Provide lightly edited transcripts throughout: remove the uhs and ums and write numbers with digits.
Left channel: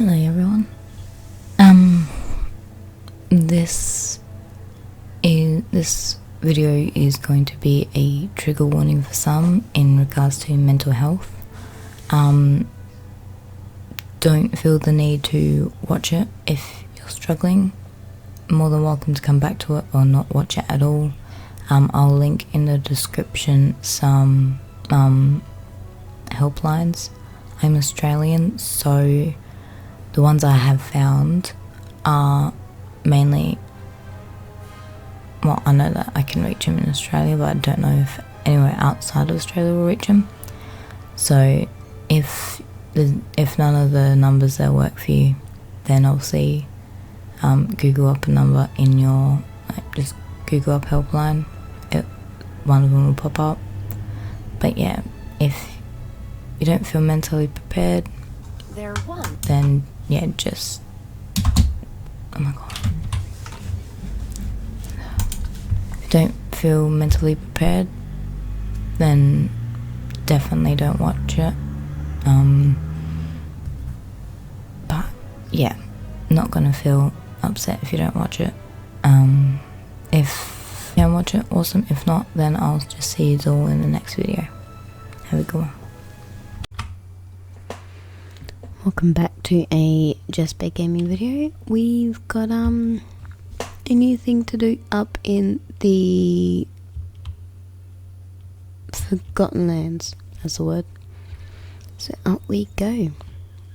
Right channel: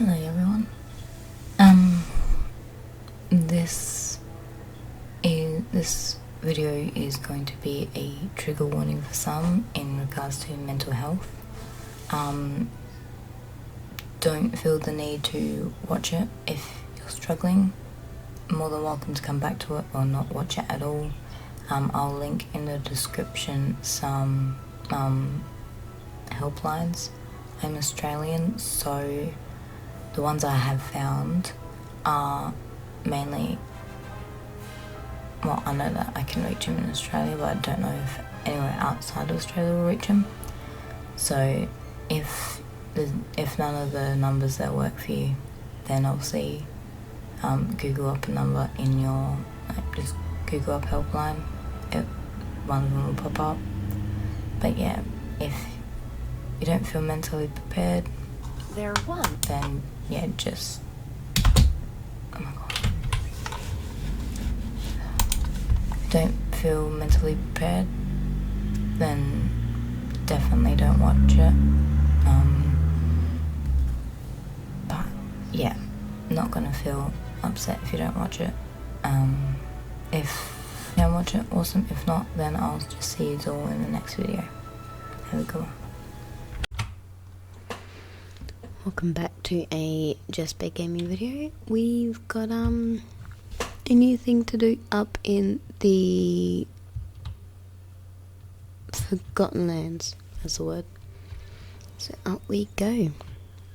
Hello everyone. This video is going to be a trigger warning for some in regards to mental health. Don't feel the need to watch it if you're struggling. More than welcome to come back to it or not watch it at all. I'll link in the description some helplines. I'm Australian, so the ones I have found are mainly, well, I know that I can reach them in Australia, but I don't know if anywhere outside of Australia will reach them. So if none of the numbers there work for you, then obviously Google up a number in your, just Google up Helpline. One of them will pop up. But yeah, if you don't feel mentally prepared, then yeah, just, oh my god. If you don't feel mentally prepared, then definitely don't watch it. But yeah, not gonna feel upset if you don't watch it. If you can watch it, awesome. If not, then I'll just see you all in the next video. Have a good one. Welcome back to a Just Bake Gaming video. We've got a new thing to do up in the Forgotten Lands, that's the word. So up we go.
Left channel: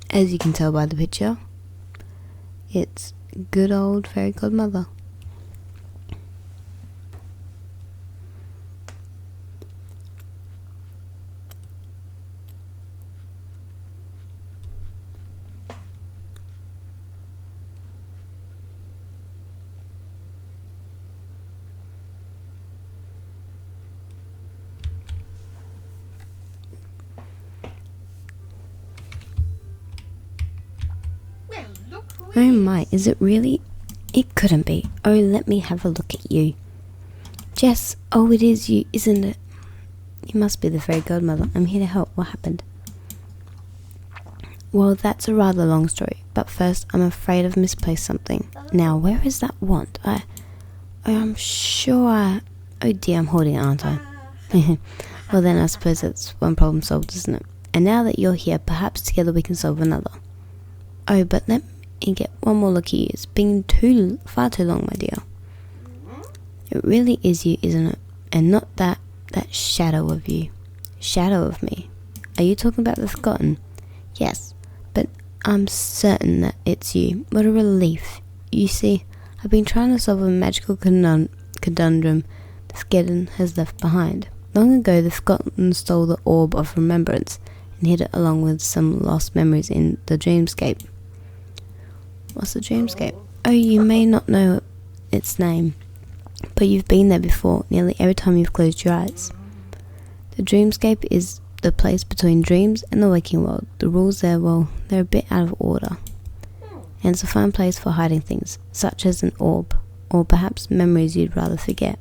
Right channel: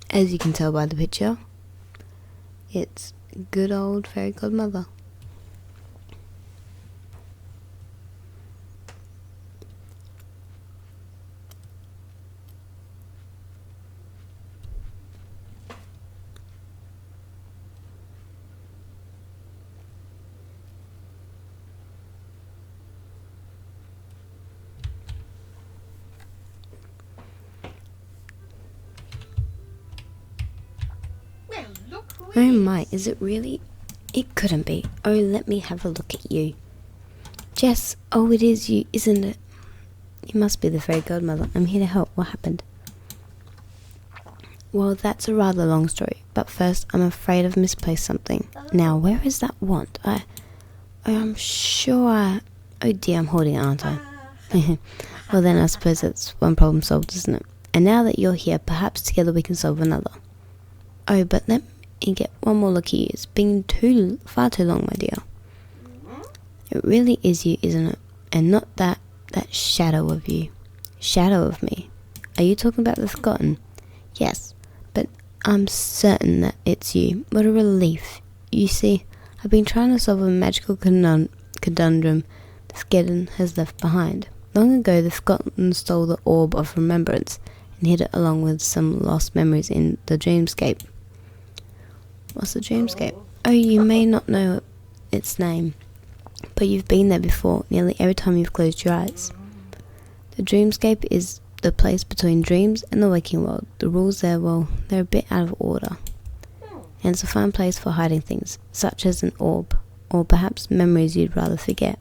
As you can tell by the picture, it's good old fairy godmother. Oh my, is it really? It couldn't be. Oh, let me have a look at you. Jess, oh it is you, isn't it? You must be the fairy godmother. I'm here to help. What happened? Well, that's a rather long story, but first I'm afraid I've misplaced something. Now, where is that wand? I'm sure oh dear, I'm holding it, aren't I? Well then, I suppose that's one problem solved, isn't it? And now that you're here, perhaps together we can solve another. Oh, but let me get one more look at you. It's been far too long, my dear. It really is you, isn't it? And not that shadow of you. Shadow of me. Are you talking about the Forgotten? Yes, but I'm certain that it's you. What a relief. You see, I've been trying to solve a magical conundrum the Forgotten has left behind. Long ago, the Forgotten stole the Orb of Remembrance and hid it along with some lost memories in the Dreamscape. What's the Dreamscape? Oh, you may not know its name, but you've been there before, nearly every time you've closed your eyes. The Dreamscape is the place between dreams and the waking world. The rules there, well, they're a bit out of order. And it's a fine place for hiding things, such as an orb, or perhaps memories you'd rather forget.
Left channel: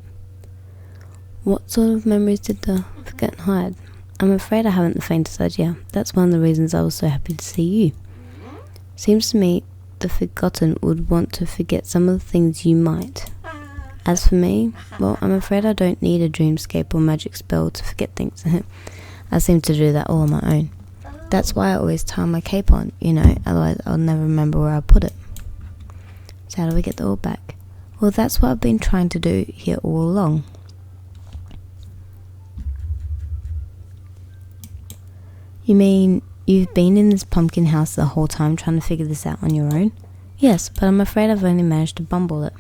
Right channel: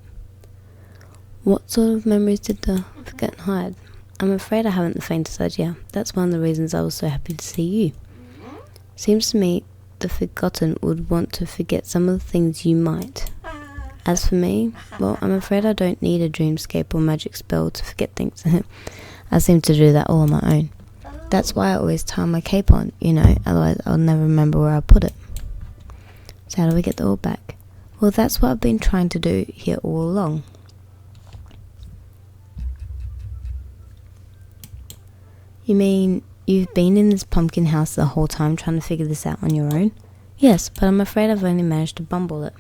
What sort of memories did the Forgotten hide? I'm afraid I haven't the faintest idea. That's one of the reasons I was so happy to see you. Seems to me the Forgotten would want to forget some of the things you might. As for me, well, I'm afraid I don't need a dreamscape or magic spell to forget things. I seem to do that all on my own. That's why I always tie my cape on, otherwise I'll never remember where I put it. So how do we get the orb back? Well, that's what I've been trying to do here all along. You mean you've been in this pumpkin house the whole time trying to figure this out on your own? Yes, but I'm afraid I've only managed to bumble it.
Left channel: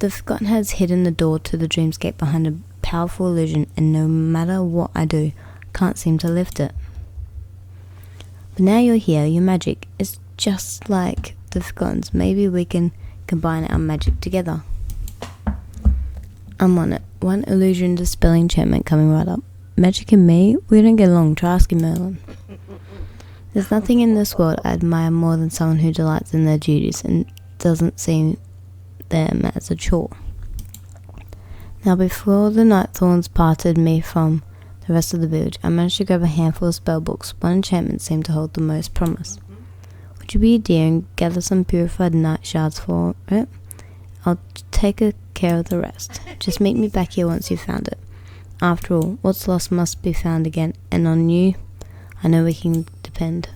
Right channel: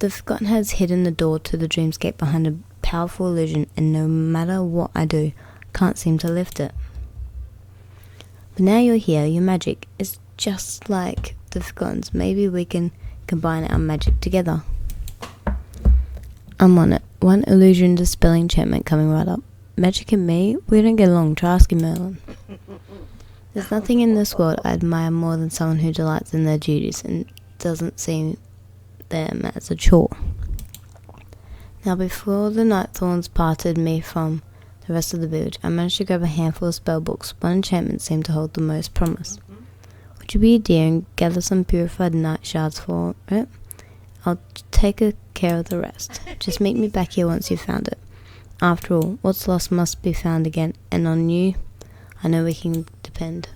The Forgotten has hidden the door to the Dreamscape behind a powerful illusion, and no matter what I do, I can't seem to lift it. But now you're here, your magic is just like the Forgotten's. Maybe we can combine our magic together. I'm on it. One illusion dispelling enchantment coming right up. Magic and me? We don't get along. Try asking Merlin. There's nothing in this world I admire more than someone who delights in their duties and doesn't see them as a chore. Now before the night thorns parted me from the the rest of the village, I managed to grab a handful of spell books. One enchantment seemed to hold the most promise. Would you be a dear and gather some purified night shards for it? I'll take care of the rest. Just meet me back here once you've found it. After all, what's lost must be found again, and on you, I know we can depend.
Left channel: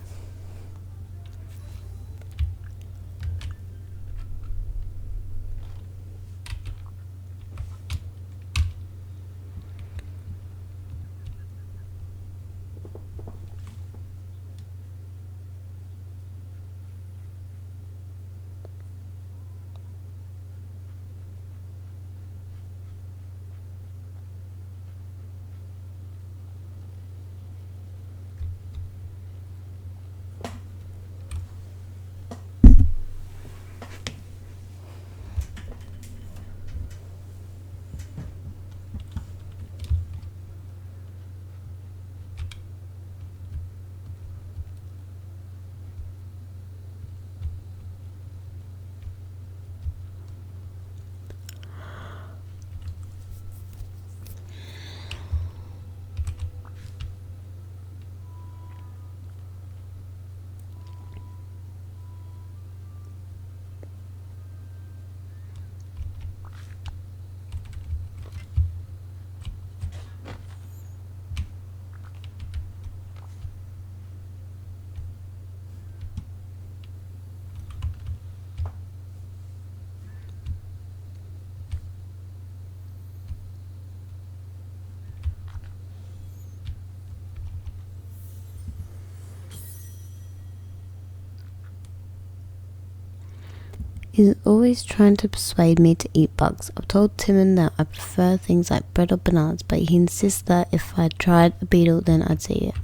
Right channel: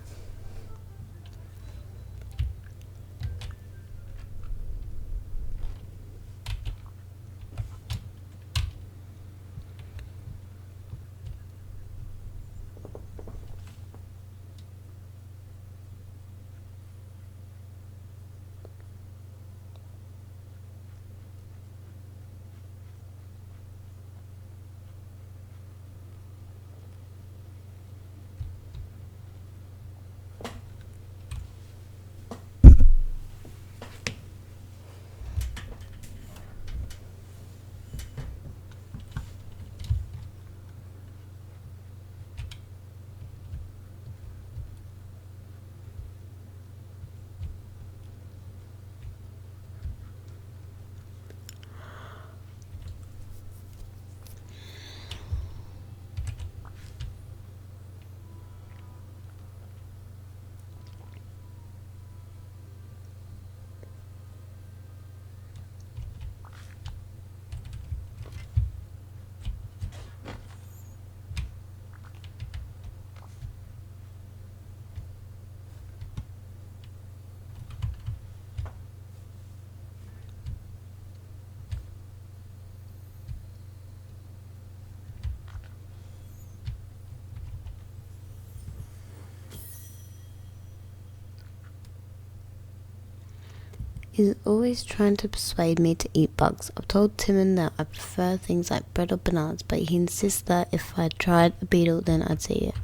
He's always trying to persuade me to eat bugs. I've told Timon that I prefer things like bread or bananas, but he insists that if I tried a beetle, then I'd see it.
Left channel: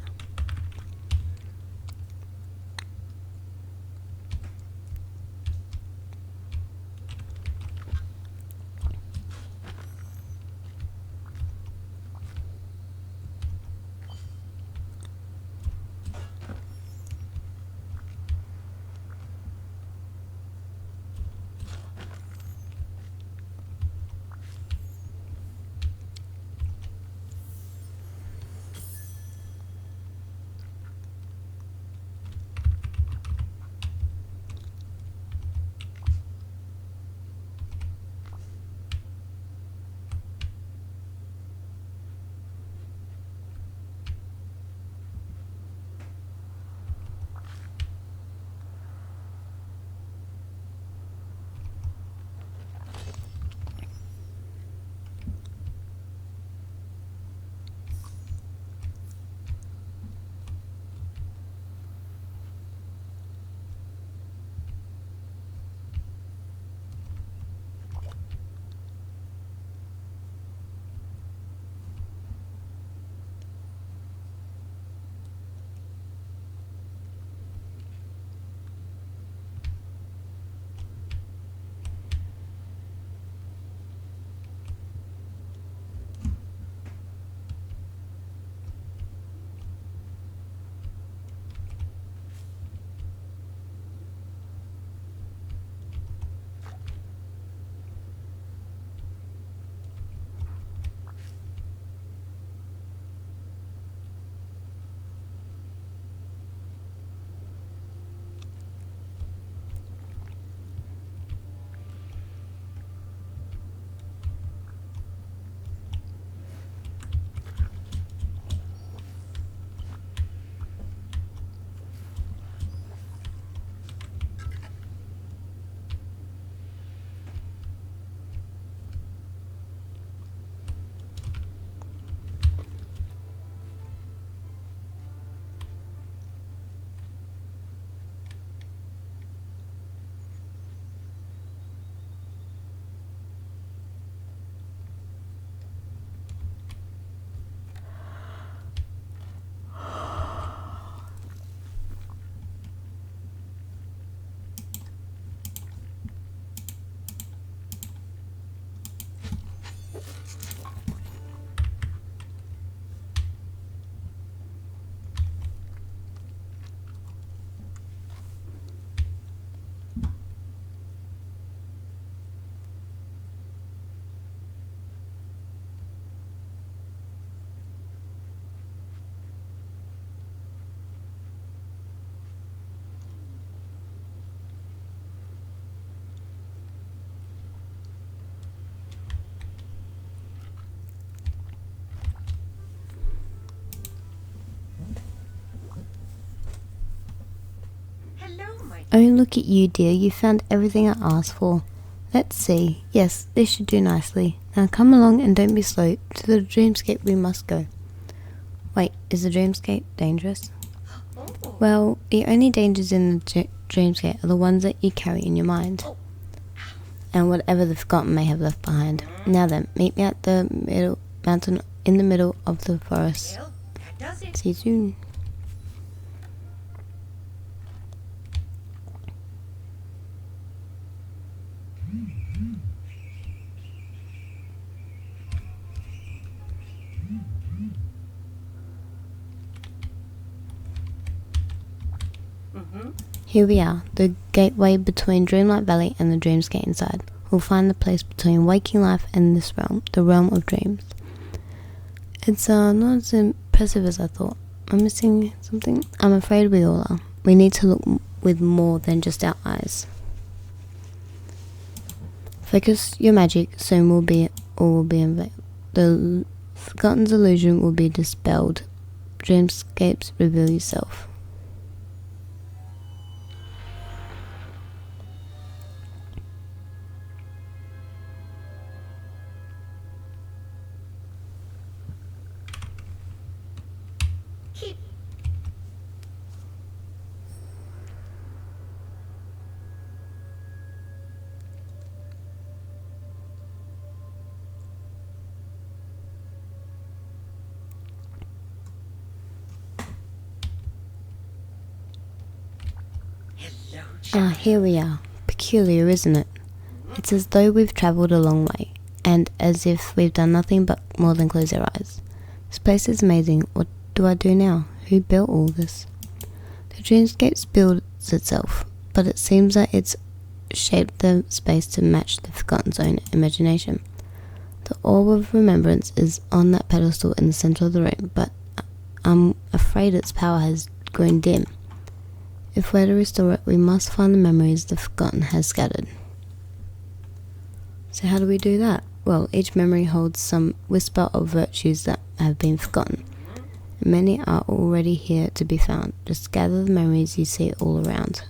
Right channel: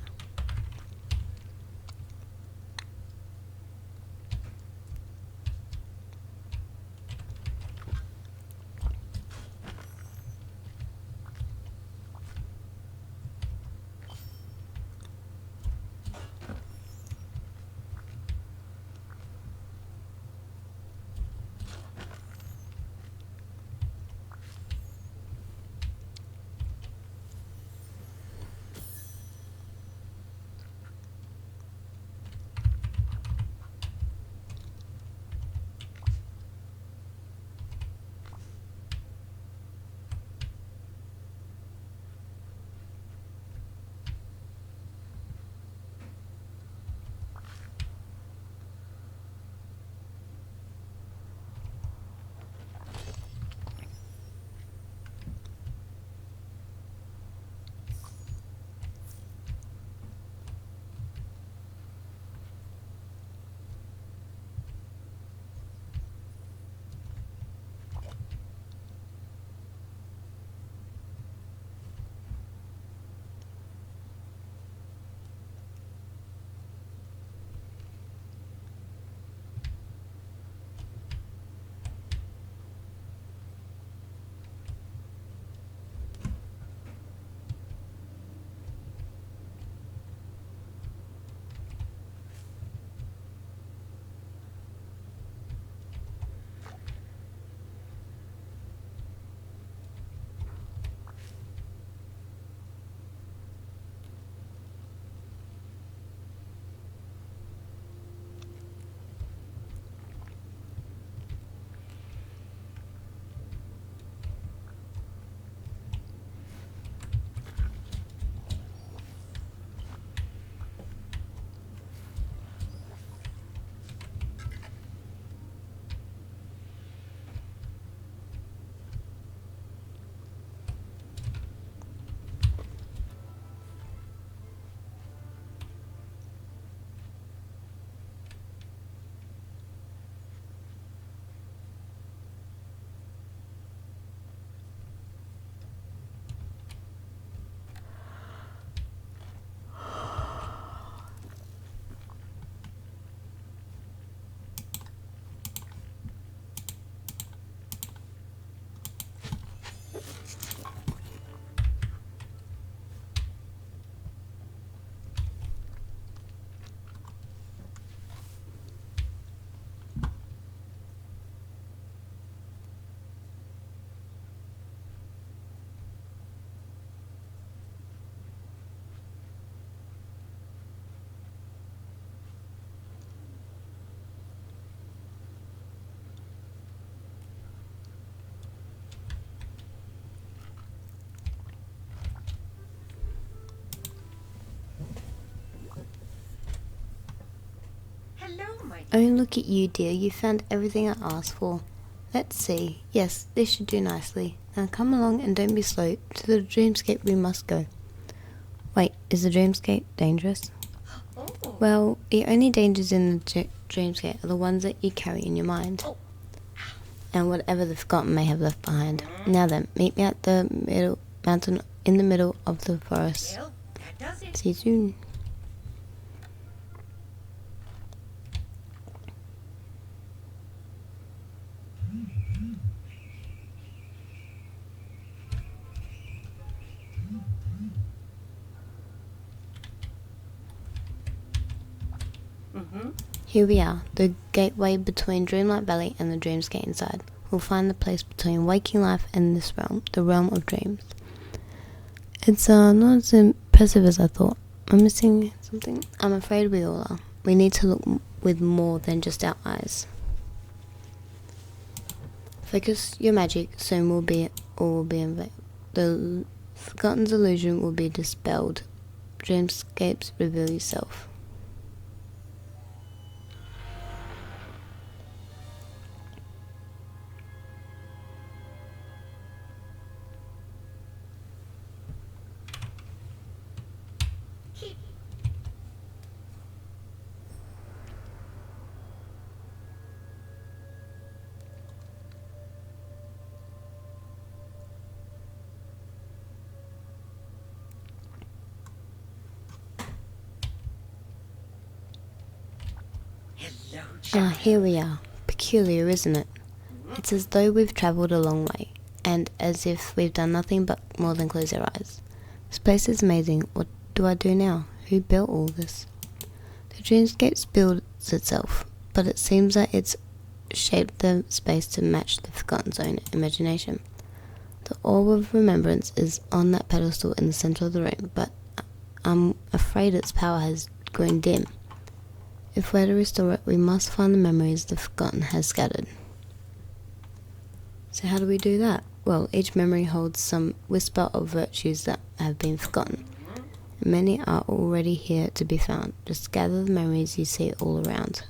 Oh, look at you, dear. You found everything I asked for. Let's see. Yes, this should do nicely. Now come along and don't be slow. To the dreamscape we must go. Wait, is the dreamscape dangerous? Well, the only dangers in the dreamscape are the ones that you carry in your mind. And whatever the forgotten may have left behind. Now then, meet me at the mountain in the middle of the forest. See you soon. Here we are, the gateway between Dreamlight Valley and the dreamscape inside. We'll find the place between waking life and this realm, the realm of dreams. It's not as impressive as I thought. I'm missing something. I'm afraid we all are. We need to look with more than just our eyes. Focus your magic, soon all will be unveiled. The forgotten's illusion will be dispelled. Dreamscapes reveal yourself. Here we are. Peculiar, isn't it? It's as though we've travelled a long way, and as if we've done nothing but more than close our eyes. This place is amazing. What do I do now? Who built all this? The dreamscape builds itself, but it seems that it's shaped the space to match the forgotten's own imagination. The orb of remembrance is on that pedestal in the centre of the room, but I'm afraid its power has grown dim. If we're to restore it, we must find the memories the forgotten has scattered. So how do we do that? Well, each memory holds some whisper of virtues that have been forgotten. Many are already here to be found. Just gather the memories you see all around.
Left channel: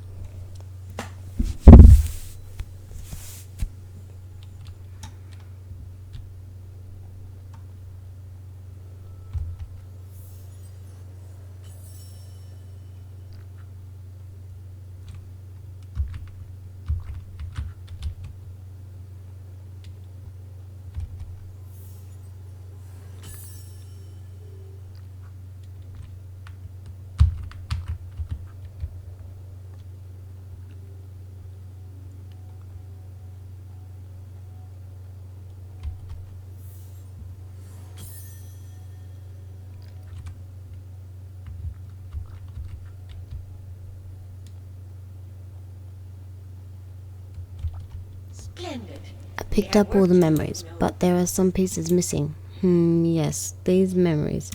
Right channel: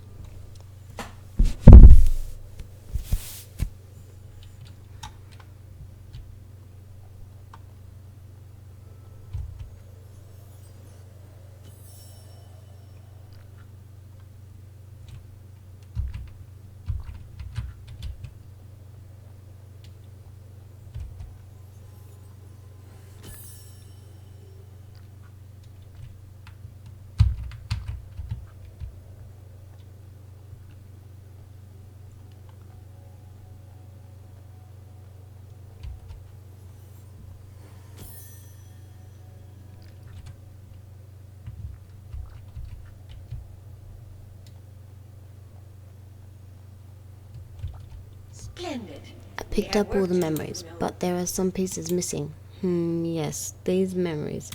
I picked up all the memories, but there are some pieces missing. Yes, these memories.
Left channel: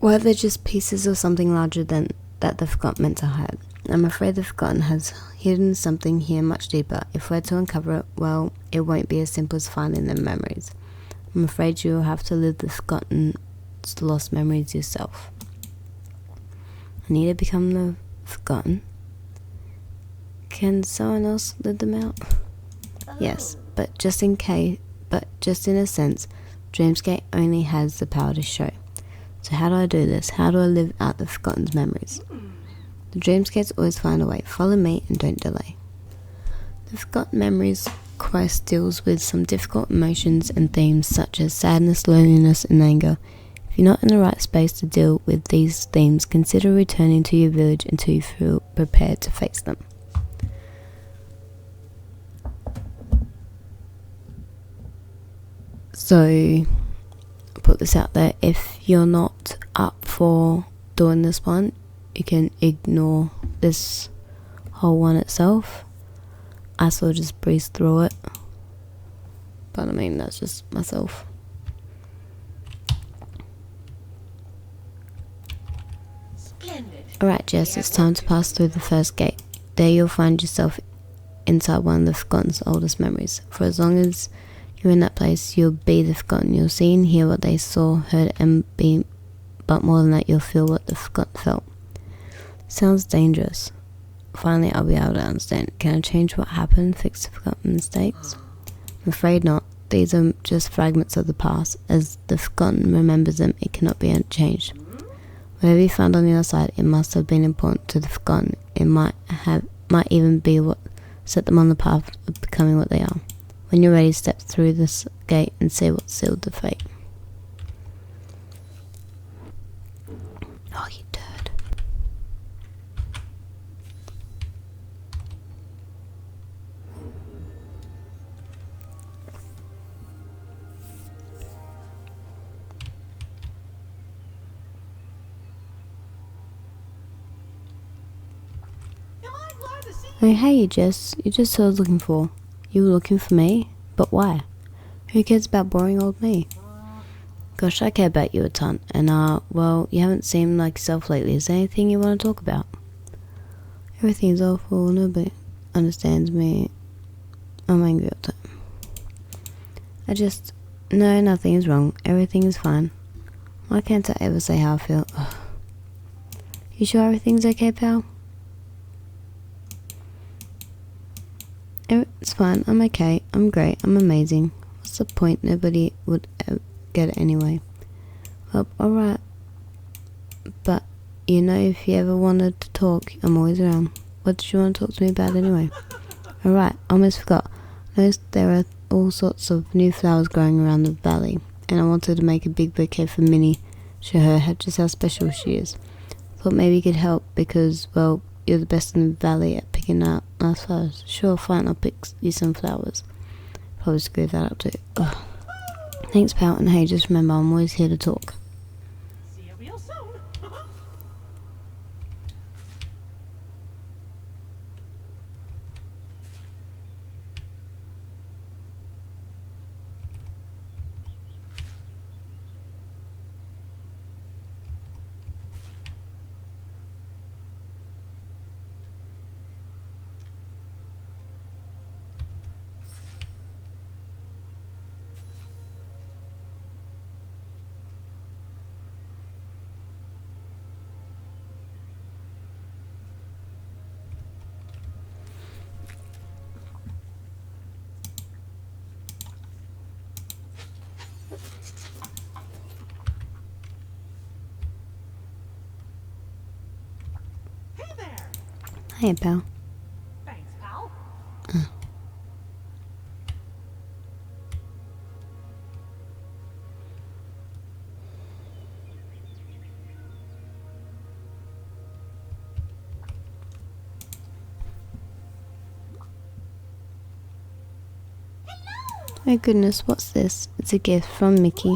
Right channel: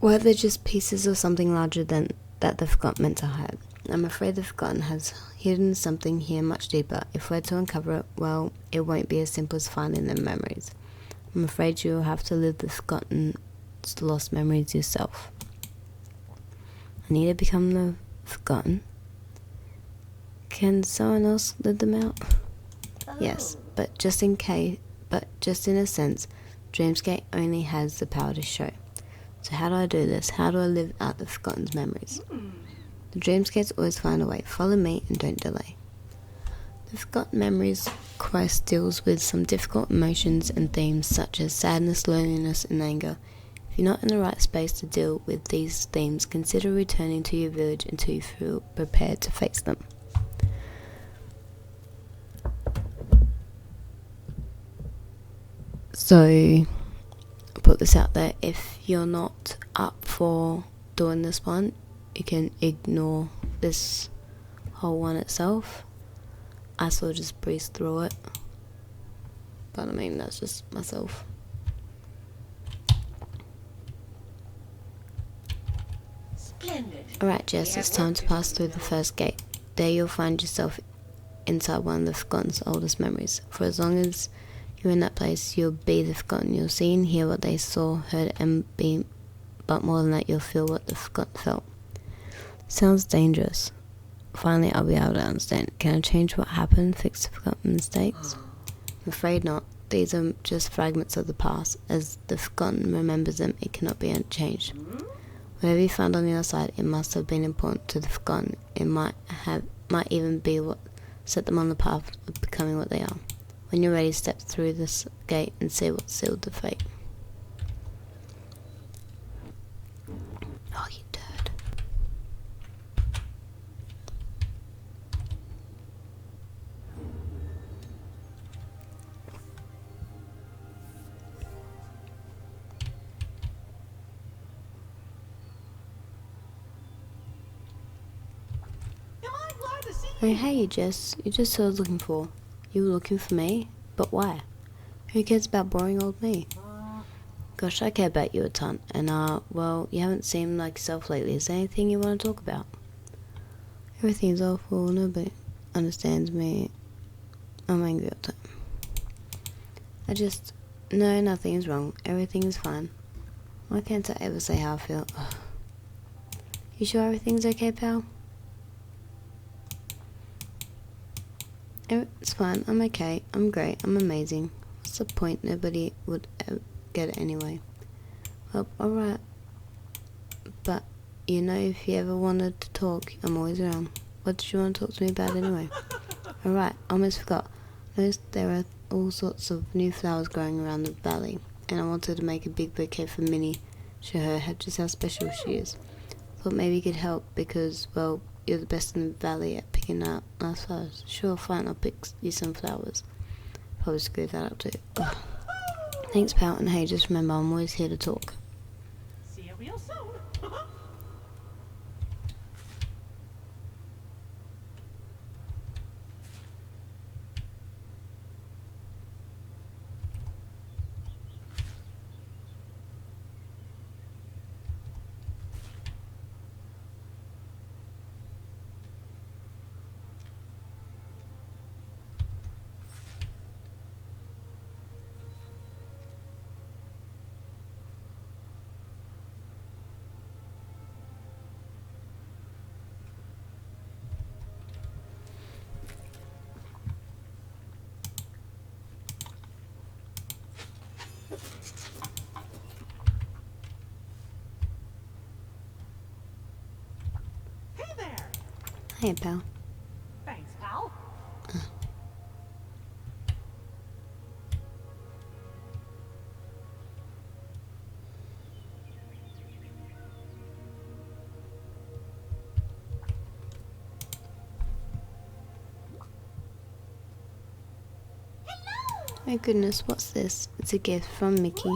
Were they just pieces of something larger than that the forgotten meant to hide? I'm afraid the forgotten has hidden something here much deeper. If we're to uncover it, well, it won't be as simple as finding the memories. I'm afraid you'll have to live the forgotten's lost memories yourself. I need to become the forgotten. Can someone else live them out? Yes, but just in a sense, Dreamscape only has the power to show. So how do I do this? How do I live out the forgotten's memories? The Dreamscapes always find a way. Follow me and don't delay. The Forgotten Memories quest deals with some difficult emotions and themes such as sadness, loneliness and anger. If you're not in the right space to deal with these themes, consider returning to your village until you feel prepared to face them. So, I'll put this out there, if you're not up for doing this one, you can ignore this whole one itself. I sort of just breeze through it. But I mean, that's just myself. Splendid. Alright Jess, it's time to pass through the first gate. There you'll find yourself inside one of the Forgotten's oldest memories. For as long as you're in that place, you'll be the Forgotten. You'll see and hear what they saw, heard and be, but more than that, you'll feel what the Forgotten felt. Sounds dangerous. Finally, I'll be able to understand. Can I change what happened, fix the forgotten mistakes? I'm afraid not. These are just fragments of the past. As the forgotten remembers them, it cannot be changed. Whatever you found on the other side, it must have been important to the forgotten. It might even be what set them on the path of becoming what they are. When you're ready, step through this gate and see what sealed the fate. Oh, you turd. Oh, hey, Jess. You just who I was looking for. You were looking for me? But why? Who cares about boring old me? Gosh, I care about you a ton. And, well, you haven't seemed like yourself lately. Is there anything you want to talk about? Everything's awful. Nobody understands me. I'm angry all the time. No, nothing is wrong. Everything is fine. Why can't I ever say how I feel? Ugh. You sure everything's okay, pal? It's fine. I'm okay. I'm great. I'm amazing. What's the point? Nobody would get it anyway. Well, alright. But, you know, if you ever wanted to talk, I'm always around. What did you want to talk to me about anyway? Alright, almost forgot. I noticed there are all sorts of new flowers growing around the valley, and I wanted to make a big bouquet for Minnie, show her just how special she is. Thought maybe you could help because, well, you're the best in the valley at picking out nice flowers. Sure, fine, I'll pick you some flowers. Probably screw that up too. Ugh. Thanks, pal, and hey, just remember, I'm always here to talk. See you real soon. Hey there. Hey, pal. Thanks, pal. Oh goodness, what's this? It's a gift from Mickey.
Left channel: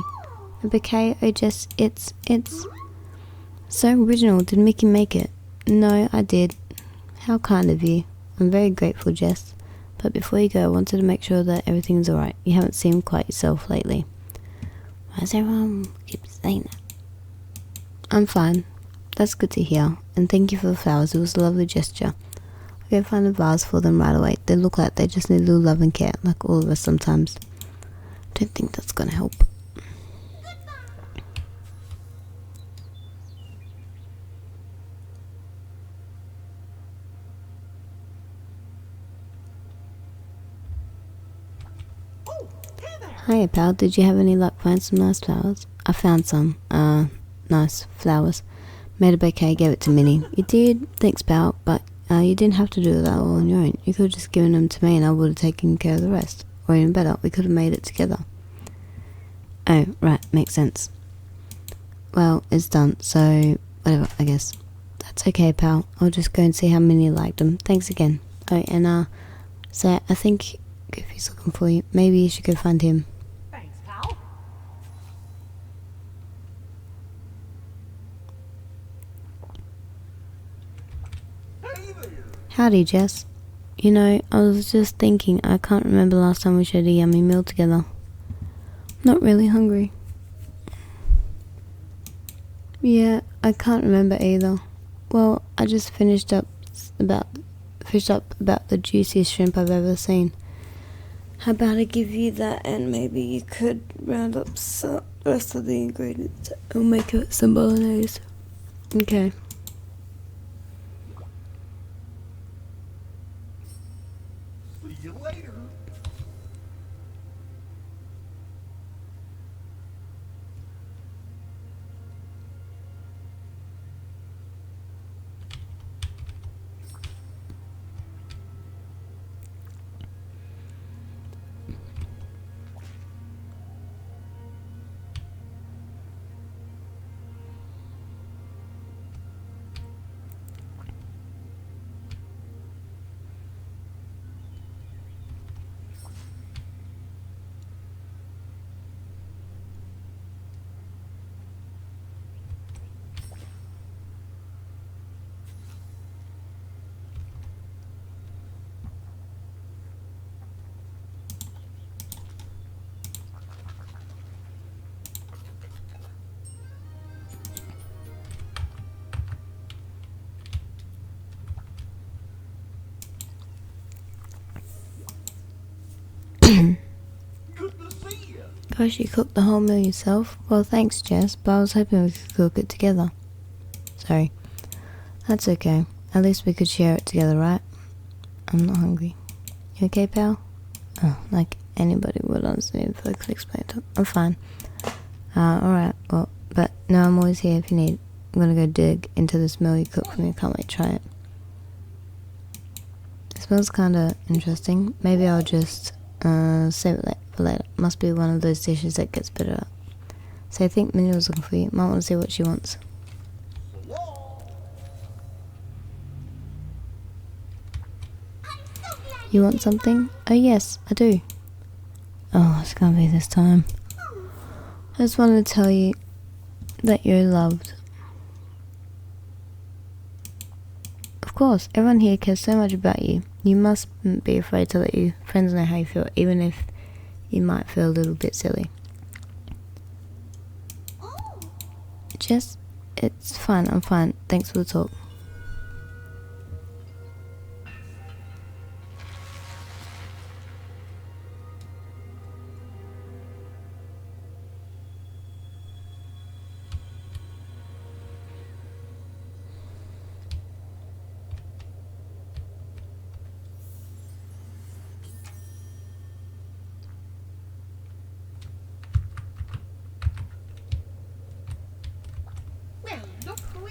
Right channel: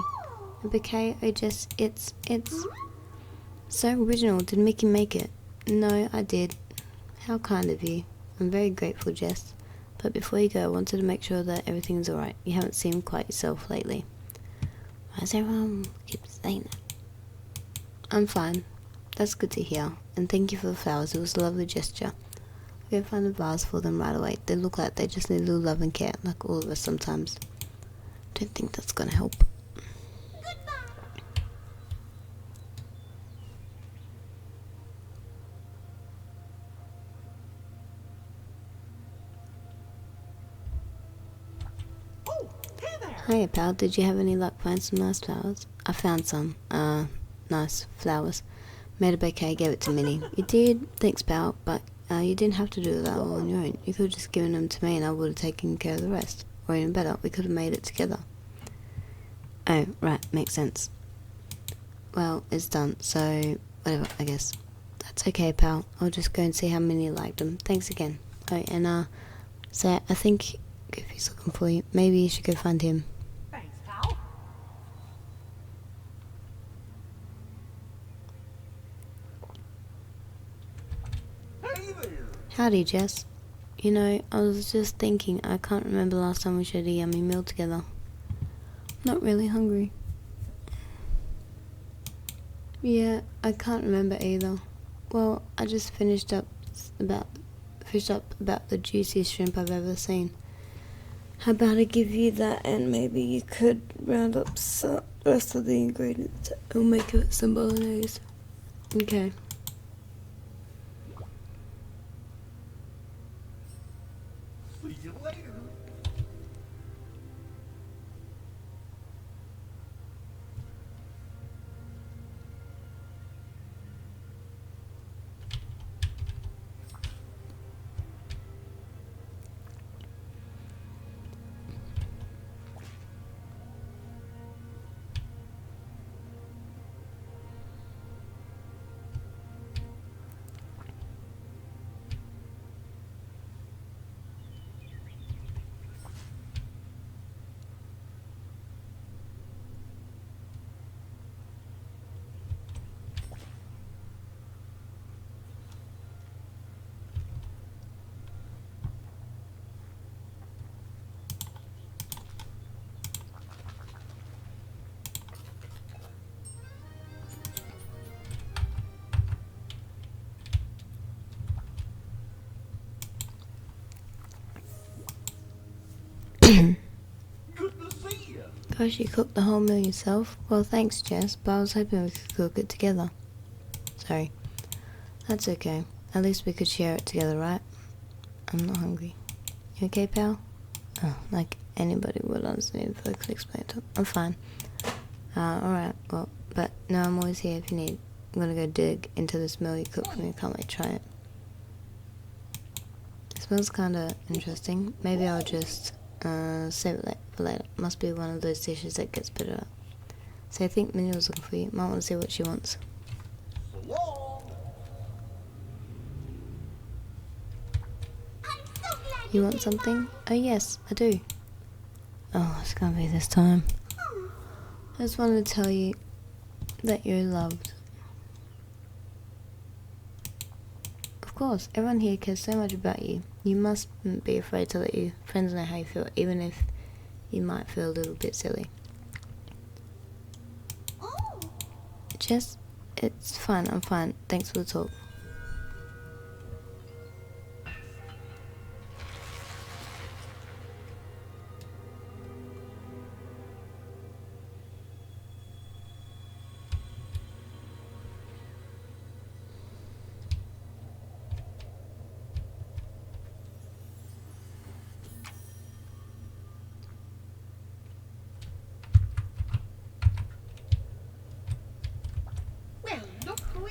A bouquet? Oh, Jess, it's so original. Did Mickey make it? No, I did. How kind of you. I'm very grateful, Jess. But before you go, I wanted to make sure that everything's alright. You haven't seemed quite yourself lately. Why does everyone keep saying that? I'm fine. That's good to hear. And thank you for the flowers. It was a lovely gesture. I'll go find a vase for them right away. They look like they just need a little love and care, like all of us sometimes. I don't think that's gonna help. Oh, hey there. Hiya, pal. Did you have any luck finding some nice flowers? I found some, nice flowers. Made a bouquet, gave it to Minnie. You did? Thanks, pal, but you didn't have to do that all on your own. You could have just given them to me and I would have taken care of the rest. Or even better, we could have made it together. Oh, right, makes sense. Well, it's done, so whatever, I guess. That's okay, pal. I'll just go and see how Minnie liked them. Thanks again. Oh, and so I think Goofy's looking for you. Maybe you should go find him. Thanks, pal. Hey there. Howdy, Jess. You know, I was just thinking, I can't remember last time we shared a yummy meal together. Not really hungry. Yeah, I can't remember either. Well, I just finished up about the juiciest shrimp I've ever seen. How about I give you that and maybe you could round up the rest of the ingredients and make it some bolognese. Okay. Gosh, you cooked the whole meal yourself? Well, thanks, Jess, but I was hoping we could cook it together. Sorry. That's okay. At least we could share it together, right? I'm not hungry. You okay, pal? Oh, like anybody would understand if I could explain it. I'm fine. Alright, well, but no, I'm always here if you need. I'm gonna go dig into this meal you cooked for me. I can't wait to try it. It smells kinda interesting. Maybe I'll just save it for later. Must be one of those dishes that gets better up. So I think Minnie was looking for you. Might want to see what she wants. You want something? Oh yes, I do. Oh, it's gonna be this time. I just wanted to tell you that you're loved. Of course, everyone here cares so much about you. You mustn't be afraid to let your friends know how you feel, even if you might feel a little bit silly. Just, it's fine, I'm fine. Thanks for the talk.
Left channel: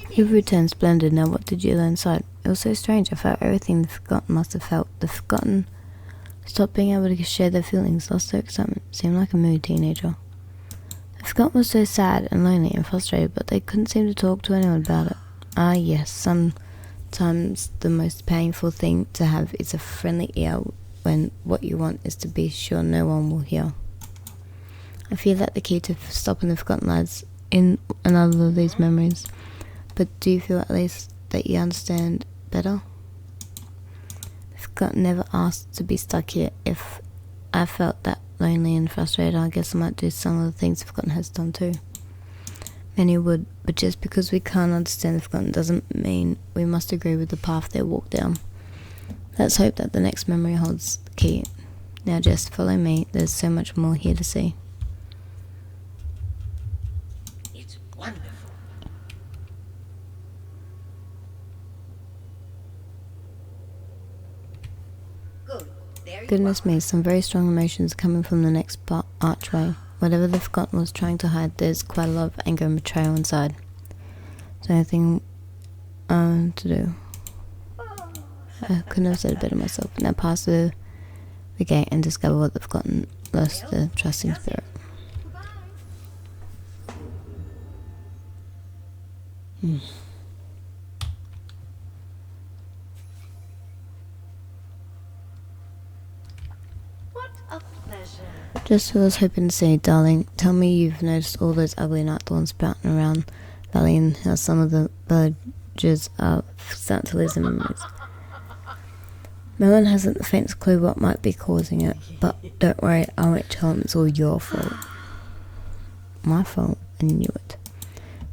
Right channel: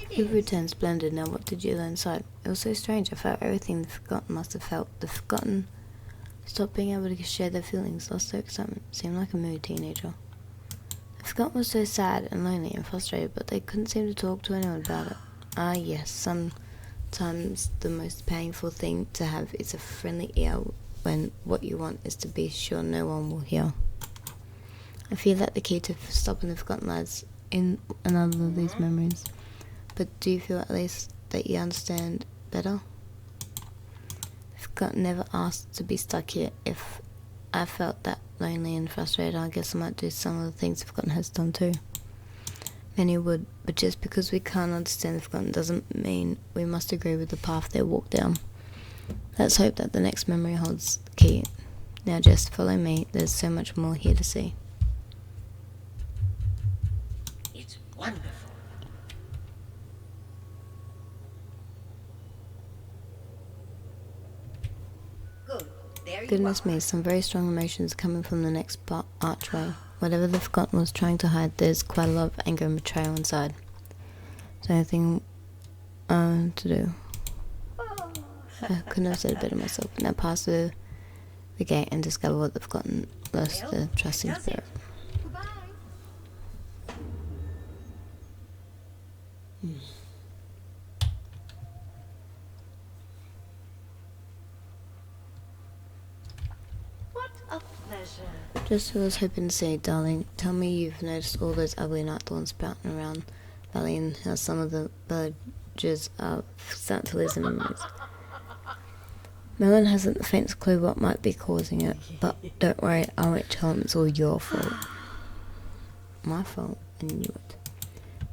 You've returned splendid. Now what did you learn inside? It was so strange. I felt everything the Forgotten must have felt. The Forgotten stopped being able to share their feelings, lost their excitement, seemed like a moody teenager. The Forgotten was so sad and lonely and frustrated, but they couldn't seem to talk to anyone about it. Ah yes, sometimes the most painful thing to have is a friendly ear when what you want is to be sure no one will hear. I feel that the key to stopping the Forgotten lies in another of these memories. But do you feel at least that you understand better? The Forgotten never asked to be stuck here. If I felt that lonely and frustrated, I guess I might do some of the things the Forgotten has done too. Many would, but just because we can't understand the Forgotten doesn't mean we must agree with the path they walk down. Let's hope that the next memory holds the key. Now just follow me, there's so much more here to see. It's wonderful. Goodness me, some very strong emotions coming from the next archway. Whatever the Forgotten was trying to hide, there's quite a lot of anger and betrayal inside. Is there anything to do? I couldn't have said it better myself. Now pass through the gate and discover what the Forgotten lost the trusting spirit. What a pleasure. Just what I was hoping to see, darling. Tell me you've noticed all those ugly night thorns sprouting around Valley and how some of the villagers are starting to lose their memories. Melon hasn't the faintest clue what might be causing it, but don't worry, I won't tell him it's all your fault. My fault? I knew it.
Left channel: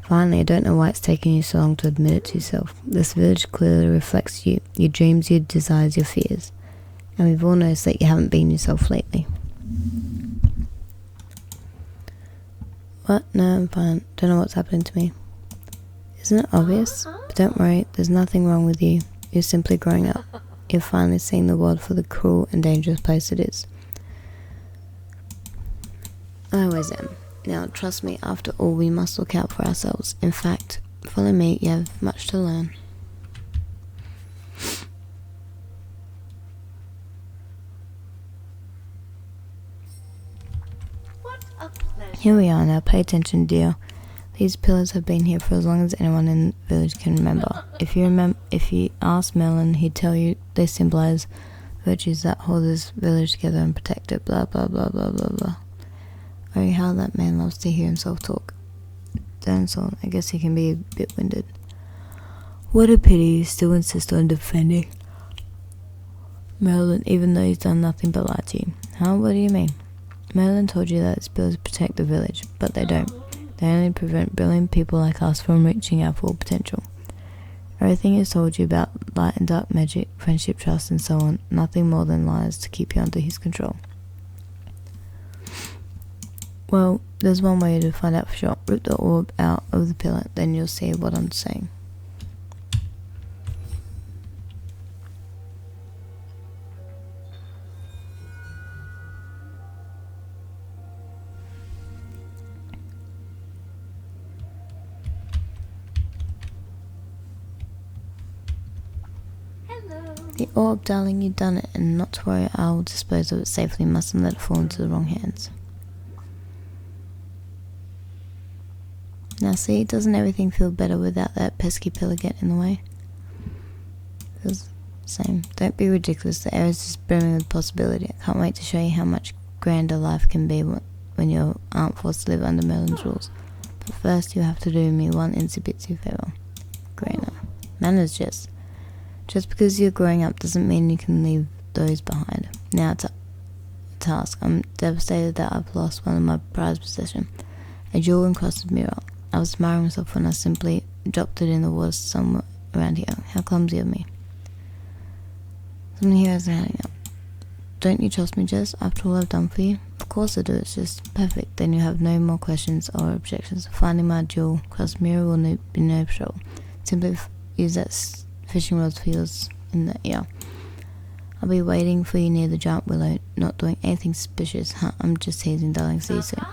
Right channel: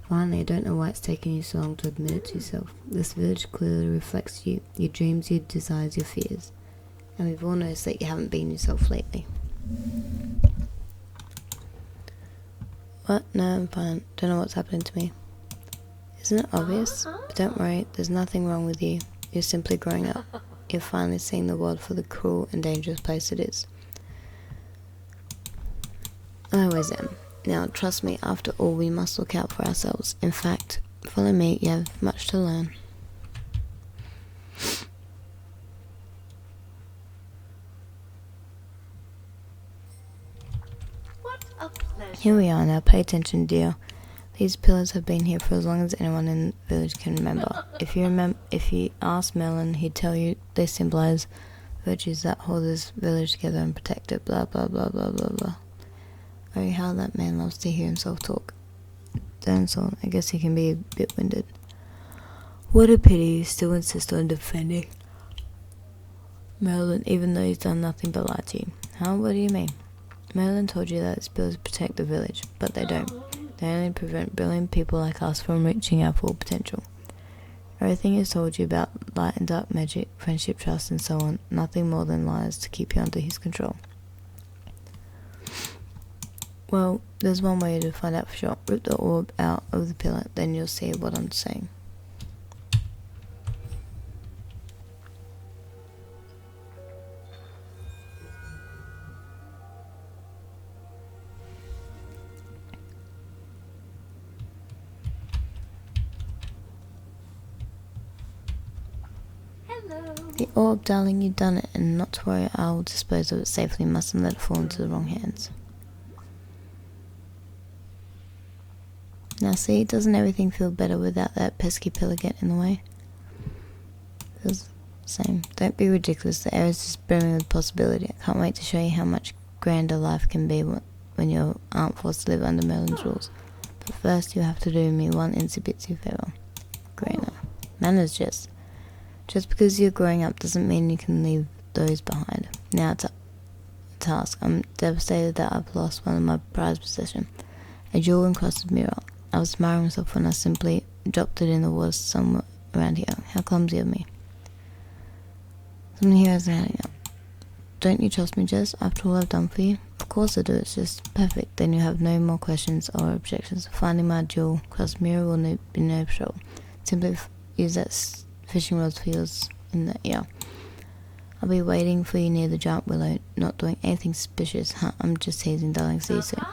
Finally, I don't know why it's taking you so long to admit it to yourself. This village clearly reflects you, your dreams, your desires, your fears. And we've all noticed that you haven't been yourself lately. What? No, I'm fine. Don't know what's happening to me. Isn't it obvious? But don't worry, there's nothing wrong with you. You're simply growing up. You're finally seeing the world for the cruel and dangerous place it is. I always am. Now, trust me, after all, we must look out for ourselves. In fact, follow me, you have much to learn. What a pleasure. Here we are now, pay attention, dear. These pillars have been here for as long as anyone in the village can remember. If you ask Melon, he'd tell you they symbolize virtues that hold this village together and protect it, blah blah blah blah blah blah. Oh, how that man loves to hear himself talk. Dinosaur, I guess he can be a bit winded. What a pity you still insist on defending Merlin, even though he's done nothing but lie to you. Huh? What do you mean? Merlin told you that its pillars protect the village, but they don't. They only prevent brilliant people like us from reaching our full potential. Everything is told you about light and dark magic, friendship, trust, and so on, nothing more than lies to keep you under his control. Well, there's one way to find out for sure. Rip the orb out of the pillar, then you'll see what I'm saying. Hello. The orb, darling, you've done it, and not to worry, I will dispose of it safely. Mustn't let it fall into the wrong hands. Now see, doesn't everything feel better without that pesky pillar getting in the way? Feels the same. Don't be ridiculous, the air is just brimming with possibility. I can't wait to show you how much grander life can be when you aren't forced to live under Merlin's rules. But first you have to do me one itsy-bitsy favour. Grainer. Manners, Jess. Just because you're growing up doesn't mean you can leave those behind. Now it's a task. I'm devastated that I've lost one of my prized possessions, a jewel encrusted mirror. I was admiring myself when I simply dropped it in the water somewhere around here. How clumsy of me. Someone here has a hanging up. Don't you trust me, Jess, after all I've done for you? Of course I do, it's just perfect. Then you have no more questions or objections. Finding my jewel encrusted mirror will be no trouble. Simply use that fishing rods for yours in the ear. I'll be waiting for you near the giant willow, not doing anything suspicious. Huh, I'm just teasing, darling. See you soon.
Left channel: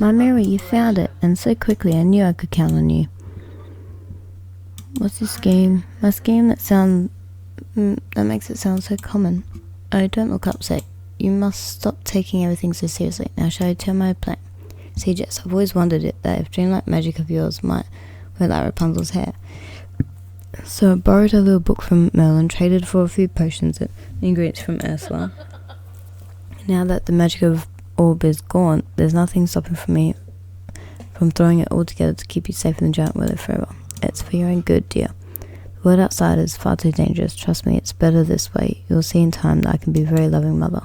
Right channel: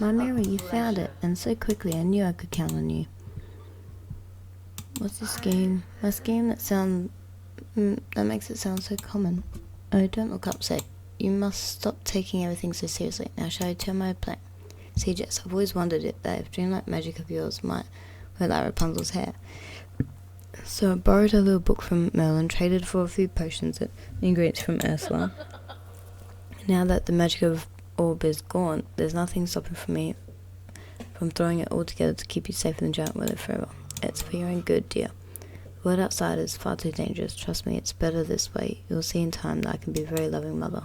My Mary, you found it, and so quickly. I knew I could count on you. What's your scheme? My scheme that makes it sound so common. Oh, don't look upset. you must stop taking everything so seriously. Now shall I tell my plan? See, Jess, I've always wondered that if Dreamlight magic of yours might wear like Rapunzel's hair. So I borrowed a little book from Merlin, traded for a few potions and ingredients from Ursula. Now that the magic of orb is gone, there's nothing stopping me from throwing it all together to keep you safe in the giant weather forever. It's for your own good, dear. The world outside is far too dangerous. Trust me, it's better this way. You'll see in time that I can be a very loving mother.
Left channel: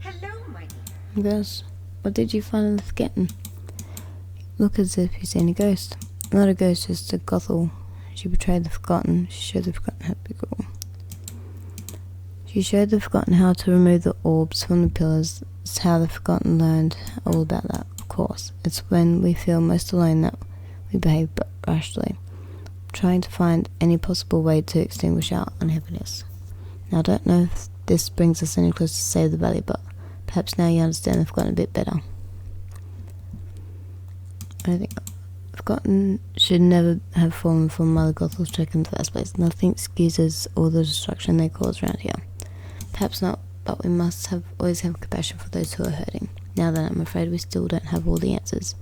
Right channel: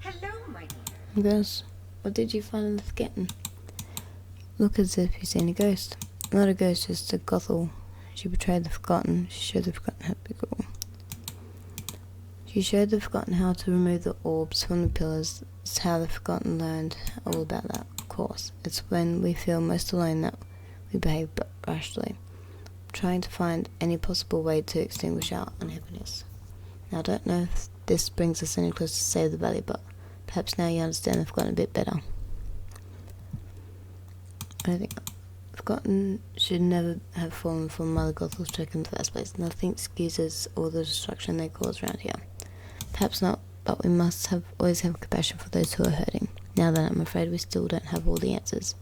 Hello, my dear. Ghost, what did you find in the Forgotten? Look as if you've seen a ghost. Not a ghost, just a Gothel. She betrayed the Forgotten. She showed the Forgotten how to be cruel. She showed the Forgotten how to remove the orbs from the pillars. It's how the Forgotten learned all about that, of course. It's when we feel most alone that we behave rashly, trying to find any possible way to extinguish our unhappiness. Now, I don't know if this brings us any closer to save the valley, but perhaps now you understand the Forgotten a bit better. I think Forgotten should never have fallen for Mother Gothel's trick in the first place. Nothing excuses all the destruction they cause around here. Perhaps not, but we must always have compassion for those who are hurting. Now then, I'm afraid we still don't have all the answers,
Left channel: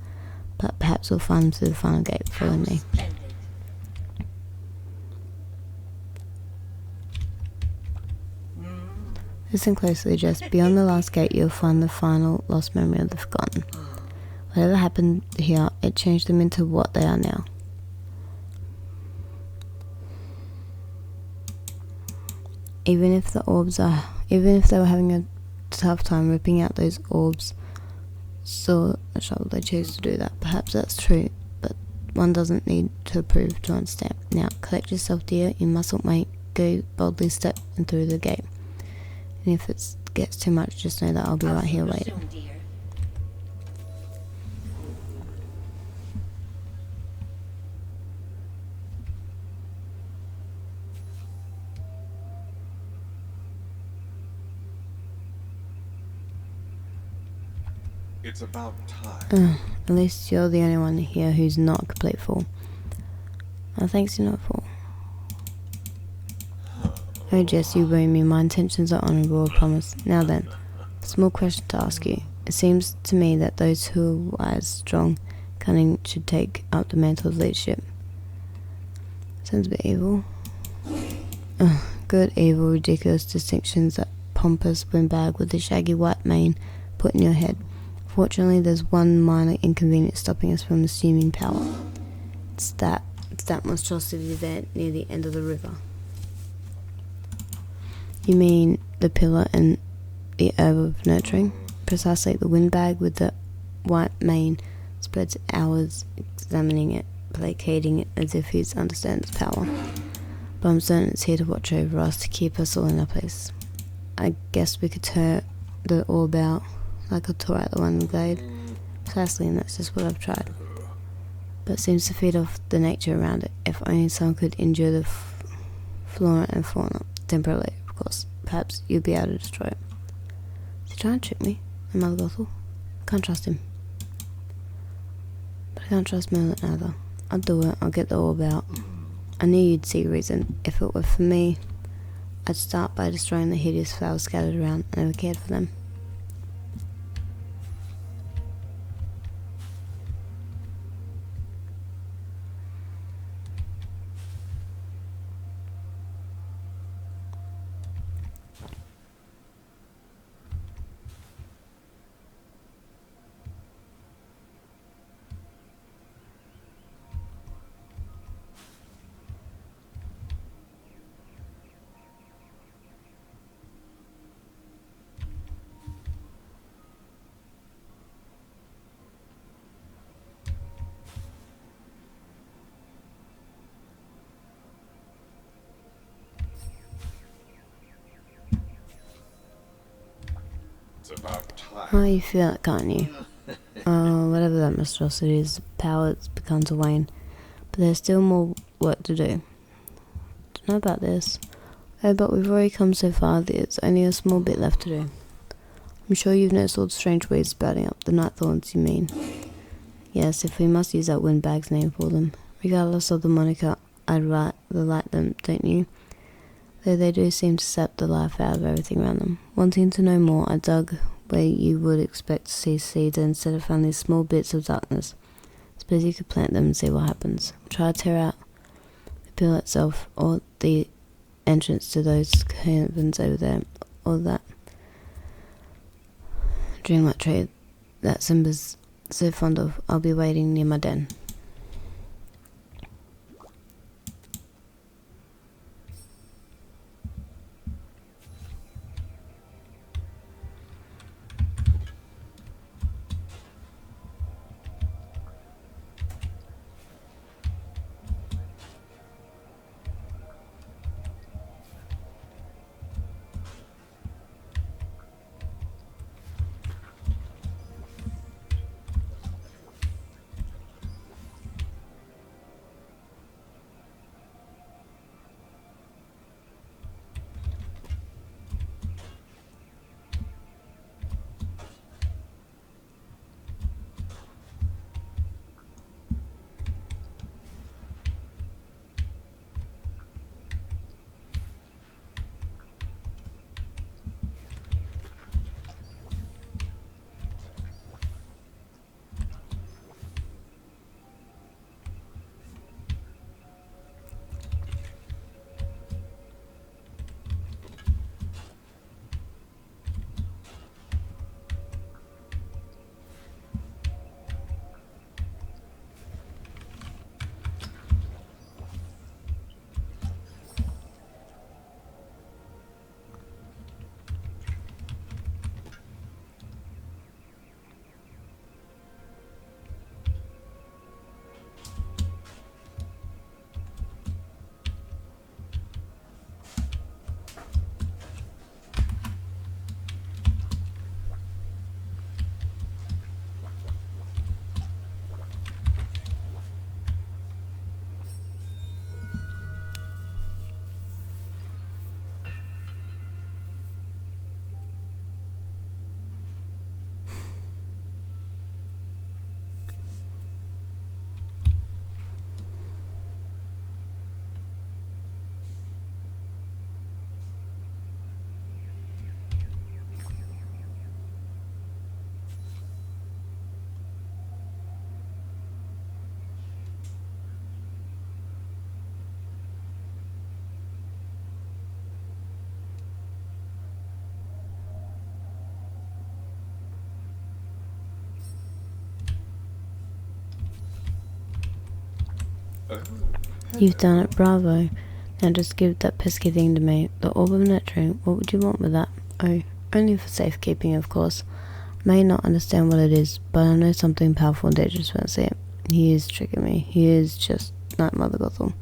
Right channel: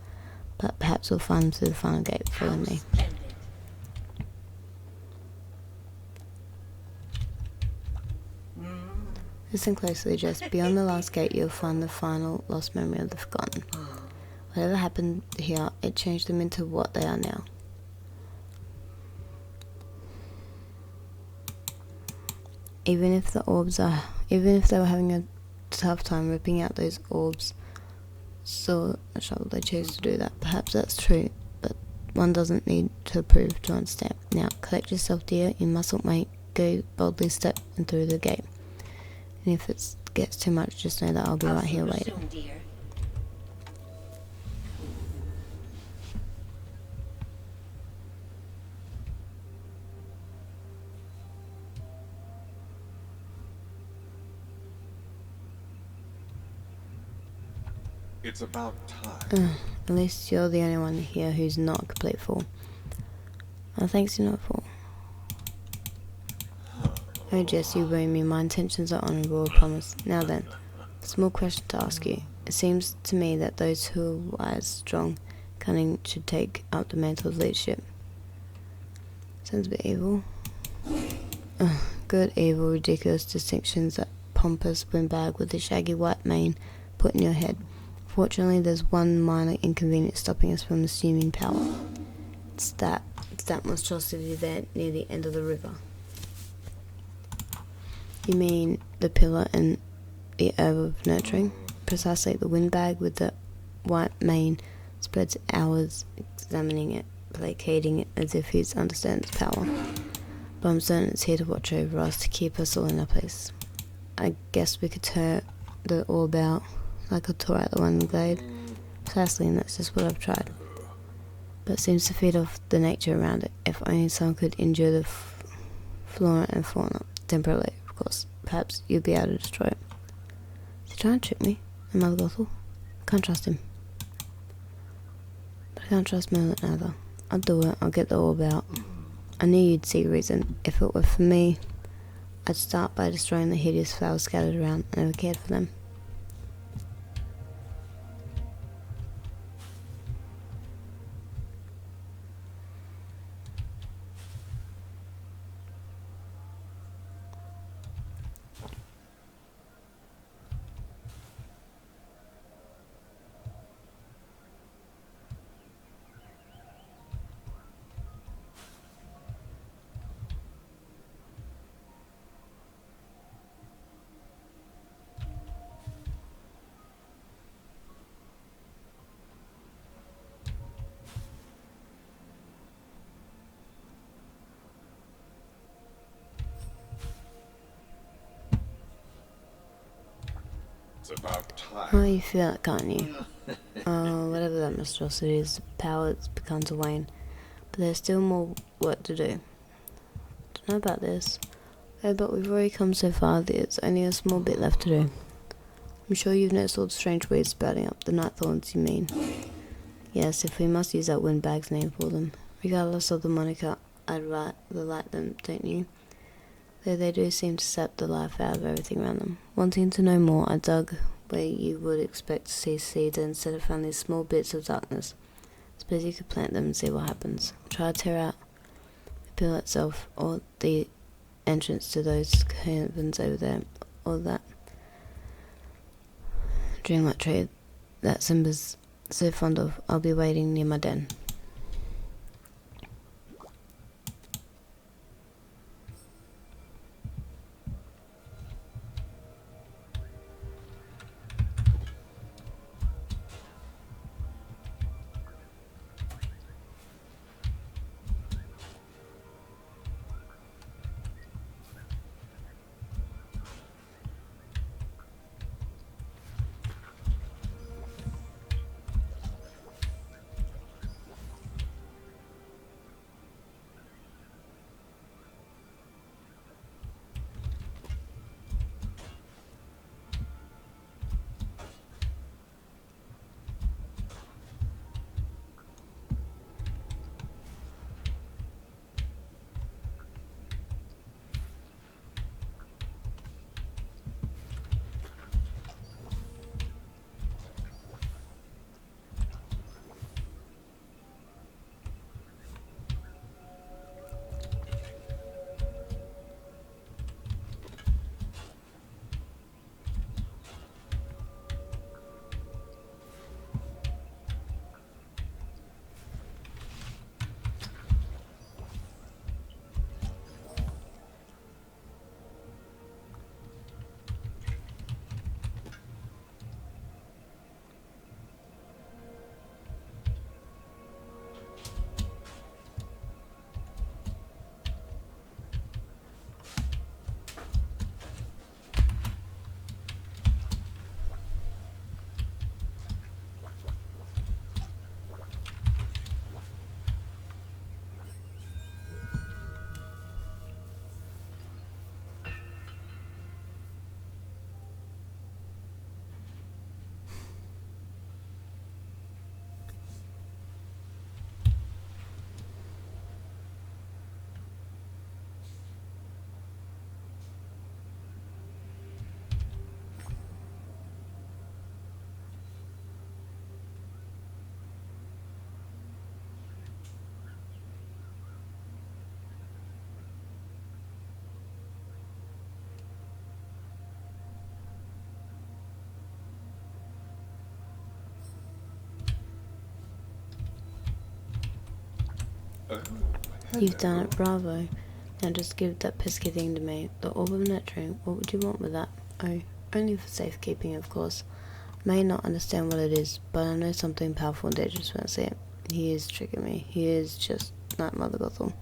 but perhaps we'll find them through the final gate. Follow me. Splendid. Listen closely, Jess. Beyond the last gate, you'll find the final lost memory of the Forgotten. Whatever happened here, it changed them into what they are now. Even if they were having a tough time ripping out those orbs, so they chose to do that. Perhaps that's true, but one doesn't need to prove to understand. Now, collect yourself, dear. You mustn't wait. Go boldly, step in through the gate. And if it gets too much, just know that I'll be right here waiting. Soon, dear. It's about time. At least you're the only one here who's not a complete fool. Thanks, you're not a fool. Oh, Jess, you worry me. My intentions are honourable, I promise. Now then, a small question to ask you. It seems to me that those who are wise, strong, cunning should take up the mantle of leadership. Sounds a bit evil. Good, evil, ridiculous distinctions, that pompous windbag with the shaggy white mane put in your head. Fortunately, there's one minor inconvenience stopping us from assuming power. It's that monstrosity there near the end of the river. You mean the pillar and the herb of nurturing? Precisely, the windbag with the white mane spreads hours examining it, placating it as if he understands its power. But I'm certain it's here to watch over us, to keep us all in our place. I guess we could tear the orb out like a tore out the one in the glade. Precisely, and that's just what I've tried. But it seems to feed off the nature around it. If only someone could endure the flora and fauna temporarily. Of course, perhaps you'll be able to destroy it. Is he trying to trick me? And Mother Gothel? I can't trust him. But I can't trust Merlin either. I'll do it. I'll get the orb out. I knew you'd see reason. If it were for me, I'd start by destroying the hideous flowers scattered around. I never cared for them. It's about time. Oh, you feel it, can't you? Oh, whatever that monstrosity is, power begun to wane. But there's still more work to do. Don't know about this. Oh, but we've already come so far, there's only a small bit left to do. I'm sure you've noticed all the strange weeds sprouting up, the night thorns, you mean? Yes, if we must use that windbag's name for them. Regardless of the moniker, I'd rather like them, don't you? Though they do seem to sap the life out of everything around them. Wanting to know more, I dug where you would expect to see seeds and instead of found these small bits of darkness. Suppose you could plant them and see what happens. Try to tear out the pill itself, or the entrance to those caverns over there, or that Dreamlight tree that Simba's so fond of. I'll be waiting near my den. You've done it, bravo. Now just give that pesky thing to me. The orb of nurturing, what would you want with that? Oh, only for safekeeping, of course. I may not understand what it is, but I know something powerful and dangerous when I see it. He is tricking me. He is just like Mother Gothel.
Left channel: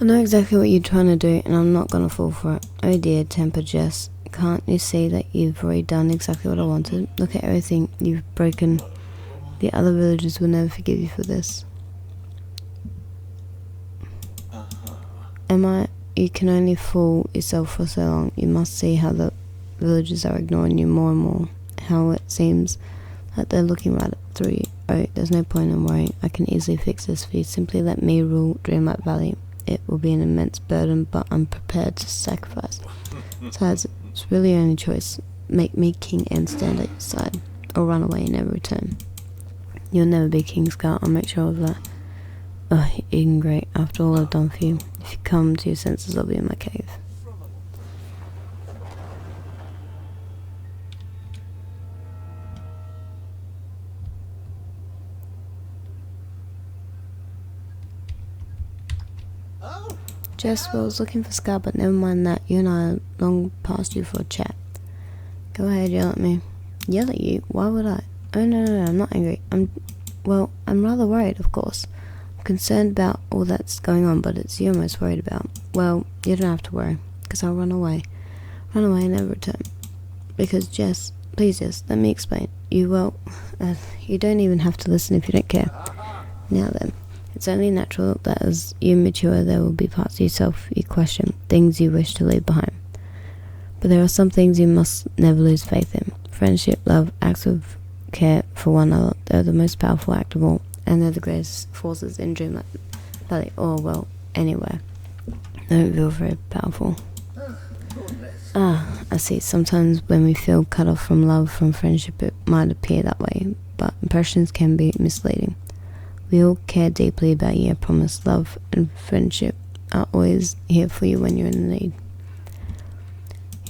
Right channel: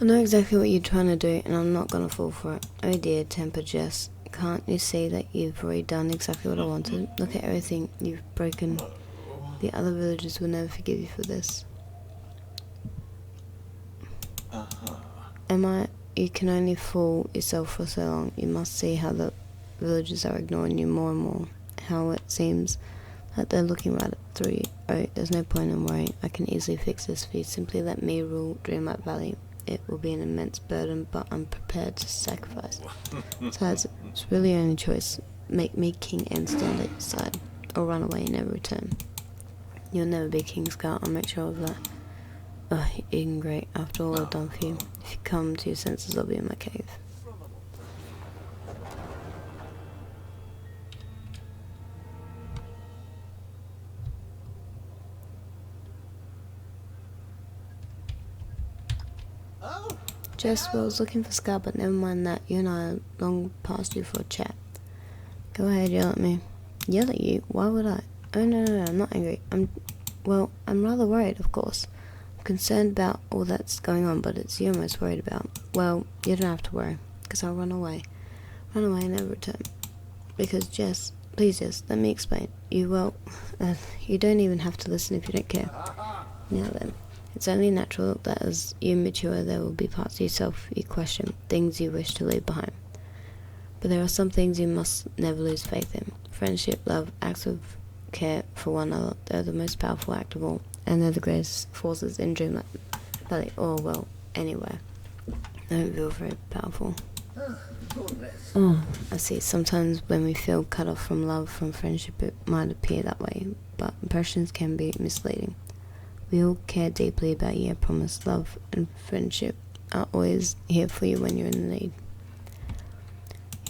I know exactly what you're trying to do, and I'm not gonna fall for it. Oh dear, temper Jess. Can't you see that you've already done exactly what I wanted? Look at everything you've broken. The other villagers will never forgive you for this. Am you can only fool yourself for so long. You must see how the villagers are ignoring you more and more. How it seems like they're looking right through you. Oh, there's no point in worrying. I can easily fix this for you. Simply let me rule Dreamlight Valley. It will be an immense burden, but I'm prepared to sacrifice. Besides, it's really your only choice. Make me king and stand at your side, or run away and never return. You'll never be king, Scout. I'll make sure of that. Oh, Eden Great, after all I've done for you. If you come to your senses, I'll be in my cave. Jess, well, I was looking for Scar, but never mind that. You and I are long past you for a chat. Go ahead, yell at me. Yell at you? Why would I? Oh, no, I'm not angry. I'm rather worried, of course. I'm concerned about all that's going on, but it's you I'm most worried about. Well, you don't have to worry, because I'll run away. Run away and never return. Because Jess, please Jess, let me explain. You don't even have to listen if you don't care. Now then, it's only natural that as you mature there will be parts of yourself you question, things you wish to leave behind. But there are some things you must never lose faith in. Friendship, love, acts of care for one another, they're the most powerful act of all, and they're the greatest forces in Dreamlight Valley, or well, anywhere. They don't feel very powerful. I see. Sometimes when we feel cut off from love, from friendship, it might appear that way, but impressions can be misleading. We all care deeply about you. I promise. Love and friendship are always here for you when you're in need.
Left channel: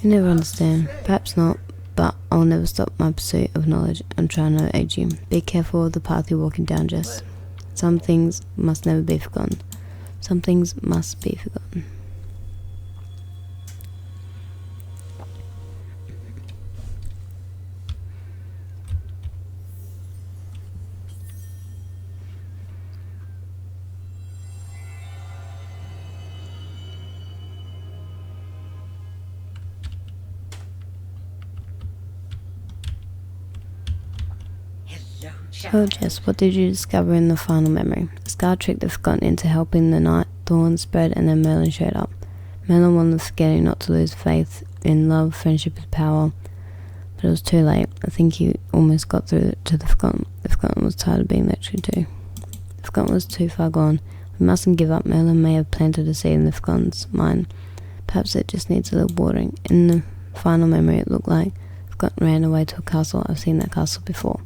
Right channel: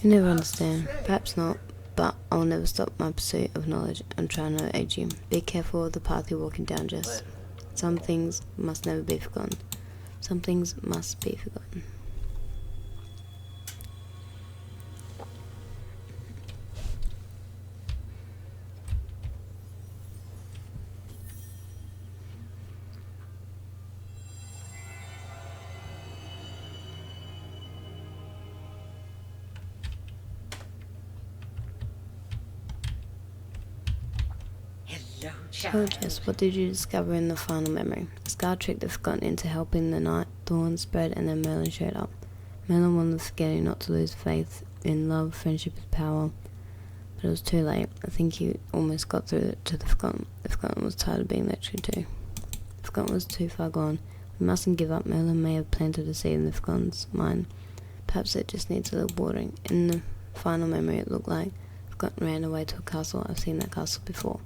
You never understand. Perhaps not, but I'll never stop my pursuit of knowledge and trying to aid you. Be careful of the path you're walking down, Jess. Some things must never be forgotten. Some things must be forgotten. Oh Jess, what did you discover in the final memory? Scar tricked the Forgotten into helping the night, dawn spread, and then Merlin showed up. Merlin wanted the Forgetting not to lose faith in love, friendship, and power, but it was too late. I think he almost got through to the Forgotten. The Forgotten was tired of being lectured to. The Forgotten was too far gone. We mustn't give up. Merlin may have planted a seed in the Forgotten's mind. Perhaps it just needs a little watering. In the final memory it looked like the Forgotten ran away to a castle. I've seen that castle before.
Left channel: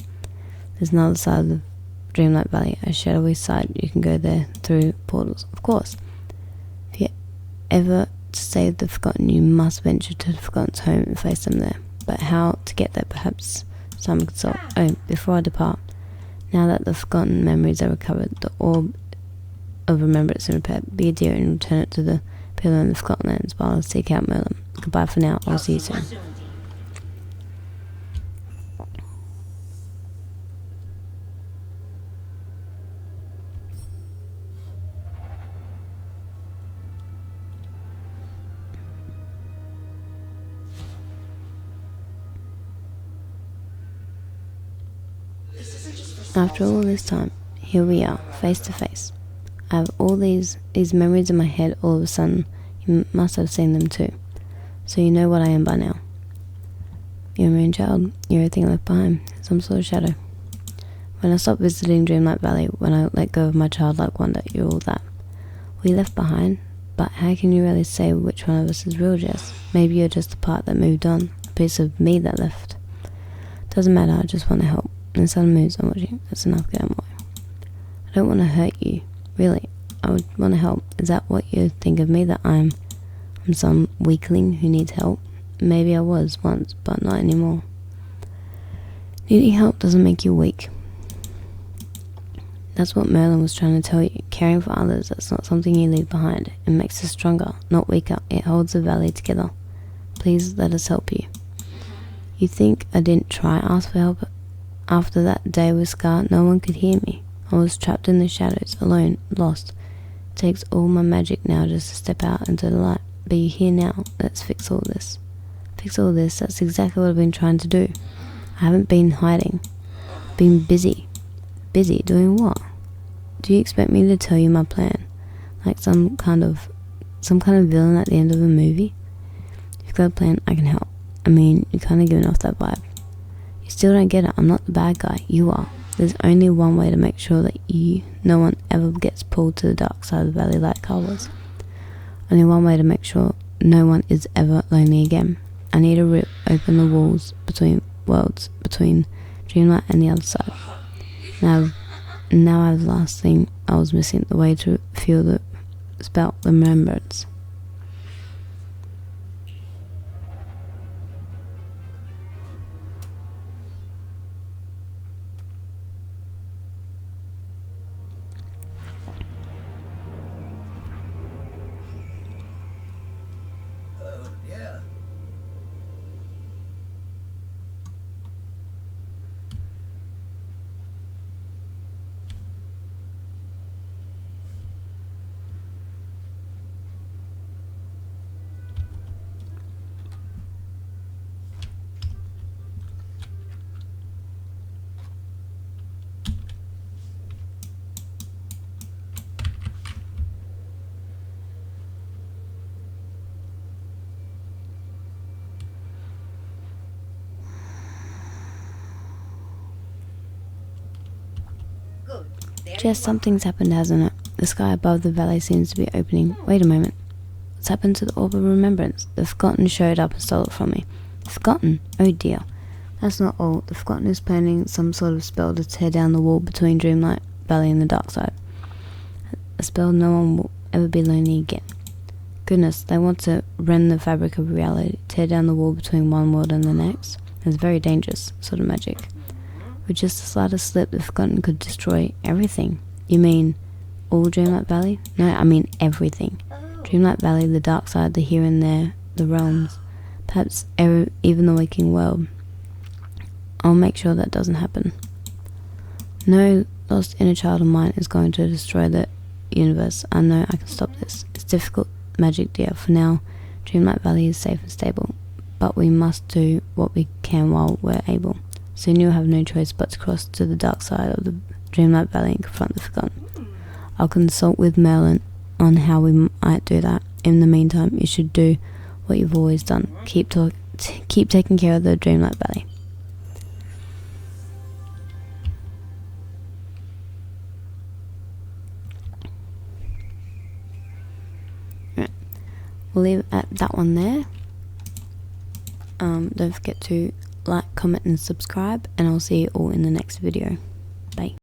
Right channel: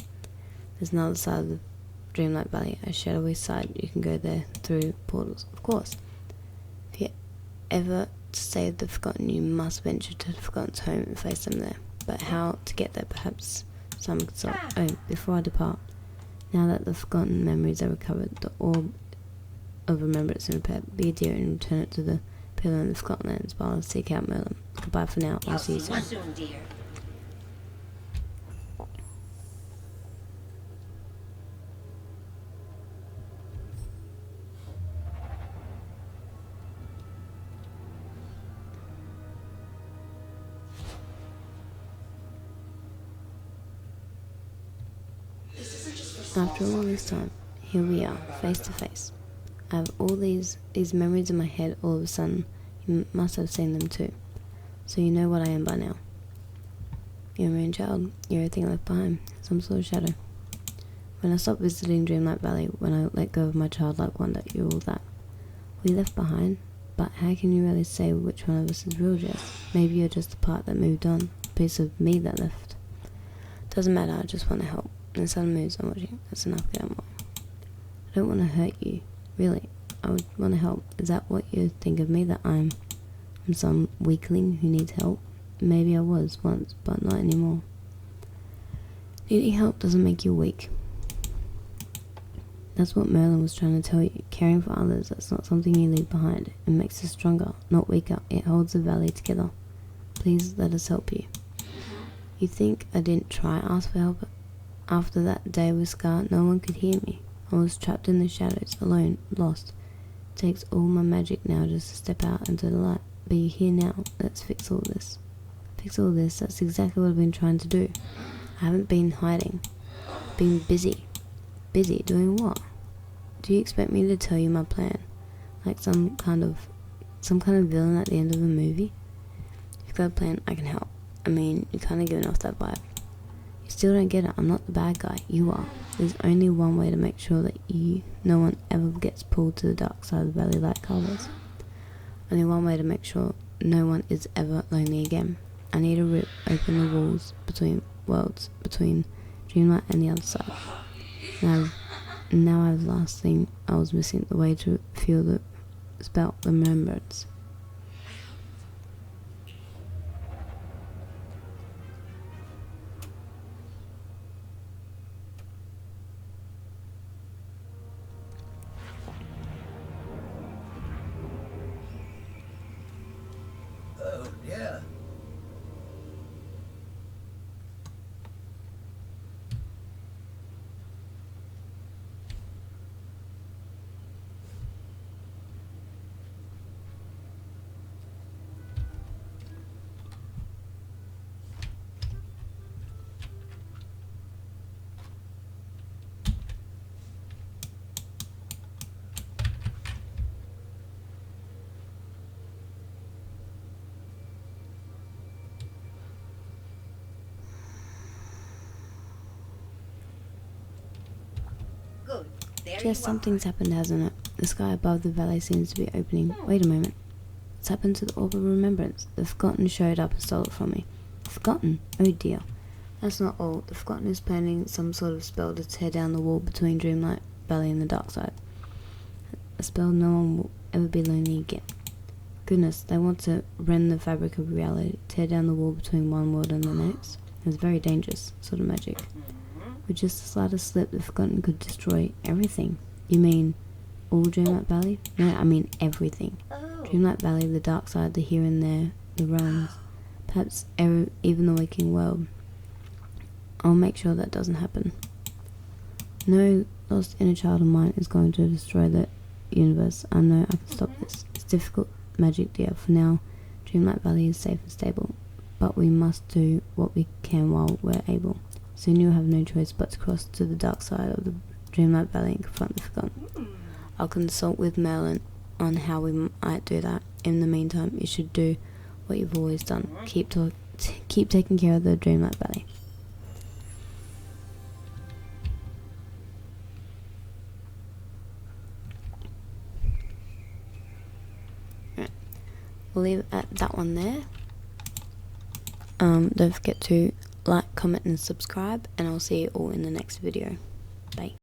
There's another side of the Dreamlight Valley, a shadowy side. You can go there through portals, of course. If you're ever to save the Forgotten, you must venture to the Forgotten's home and face them there. But how to get there, perhaps Simon could solve. Oh, before I depart, now that the Forgotten memories are recovered, the orb of remembrance and repaired, be a dear and return it to the pillar in the Forgotten lands while I seek out Merlin. Goodbye for now, I'll see you soon. After all this time, here we are, face to face. I have all these memories in my head all of a sudden. You must have seen them too. So you know what I am by now. You're a moon child. You're everything left behind. Some sort of shadow. When I stopped visiting Dreamlight Valley, when I let go of my childlike wonder, you're all that. We left behind, but how can you really say which one of us is real, Jess? Maybe you're just the part that moved on, a piece of me that left. Doesn't matter, I just want to help. And the sun moves, I'm watching. That's enough, get out of my way. I don't want to hurt you. Really, I would want to help. Is that what you think of me, that I'm some weakling who needs help? Maybe I was once, but not anymore. Needing help doesn't make you weak. That's what Merlin was trying to tell you. Caring for others, that's not something you leave behind. It makes us stronger, not weaker. It holds the valley together. Please let us help you. You think I didn't try ask for help? After that day with Scar, no one could hear me. I was trapped in the shadows, alone, lost. It takes all my magic now just to step out into the light. But you're here now. Let's fix all this. Fix all this. That's exactly what I've been trying to do. I haven't been hiding. Been busy. Busy doing what? Do you expect me to tell you my plan? Like some kind of villain at the end of a movie? If you've got a plan, I can help. I mean, you're kind of giving off that vibe. You still don't get it. I'm not the bad guy. You are. There's only one way to make sure that no one ever gets pulled to the dark side of the valley like Carl was. Only one way to make sure no one is ever lonely again. I need to rip open the walls between worlds, between Dreamlight and the other side. Now I have the last thing I was missing, the way to feel the spell, the remembrance. Oh, yeah. Jess, something's happened, hasn't it? The sky above the valley seems to be opening. Wait a moment. What's happened to the Orb of Remembrance? The Forgotten showed up and stole it from me. The Forgotten? Oh dear. That's not all. The Forgotten is planning some sort of spell to tear down the wall between Dreamlight Valley and the dark side. A spell no one will ever be lonely again. Goodness, they want to rend the fabric of reality, tear down the wall between one world and the next. It's very dangerous sort of magic. With just the slightest slip, the Forgotten could destroy everything. You mean all Dreamlight Valley? No, I mean everything. Dreamlight Valley, the dark side, the here and there, the realms, perhaps even the waking world. I'll make sure that doesn't happen. No lost inner child of mine is going to destroy the universe. I know I can stop this. It's difficult magic, dear. For now, Dreamlight Valley is safe and stable, but we must do what we can while we're able. Soon you'll have no choice but to cross to the dark side of the Dreamlight Valley and confront the Forgotten. I'll consult with Merlin on how we might do that. In the meantime, you should do what you've always done. Keep taking care of the Dreamlight Valley. Right. We'll leave it at that one there. Don't forget to like, comment and subscribe, and I'll see you all in the next video. Bye.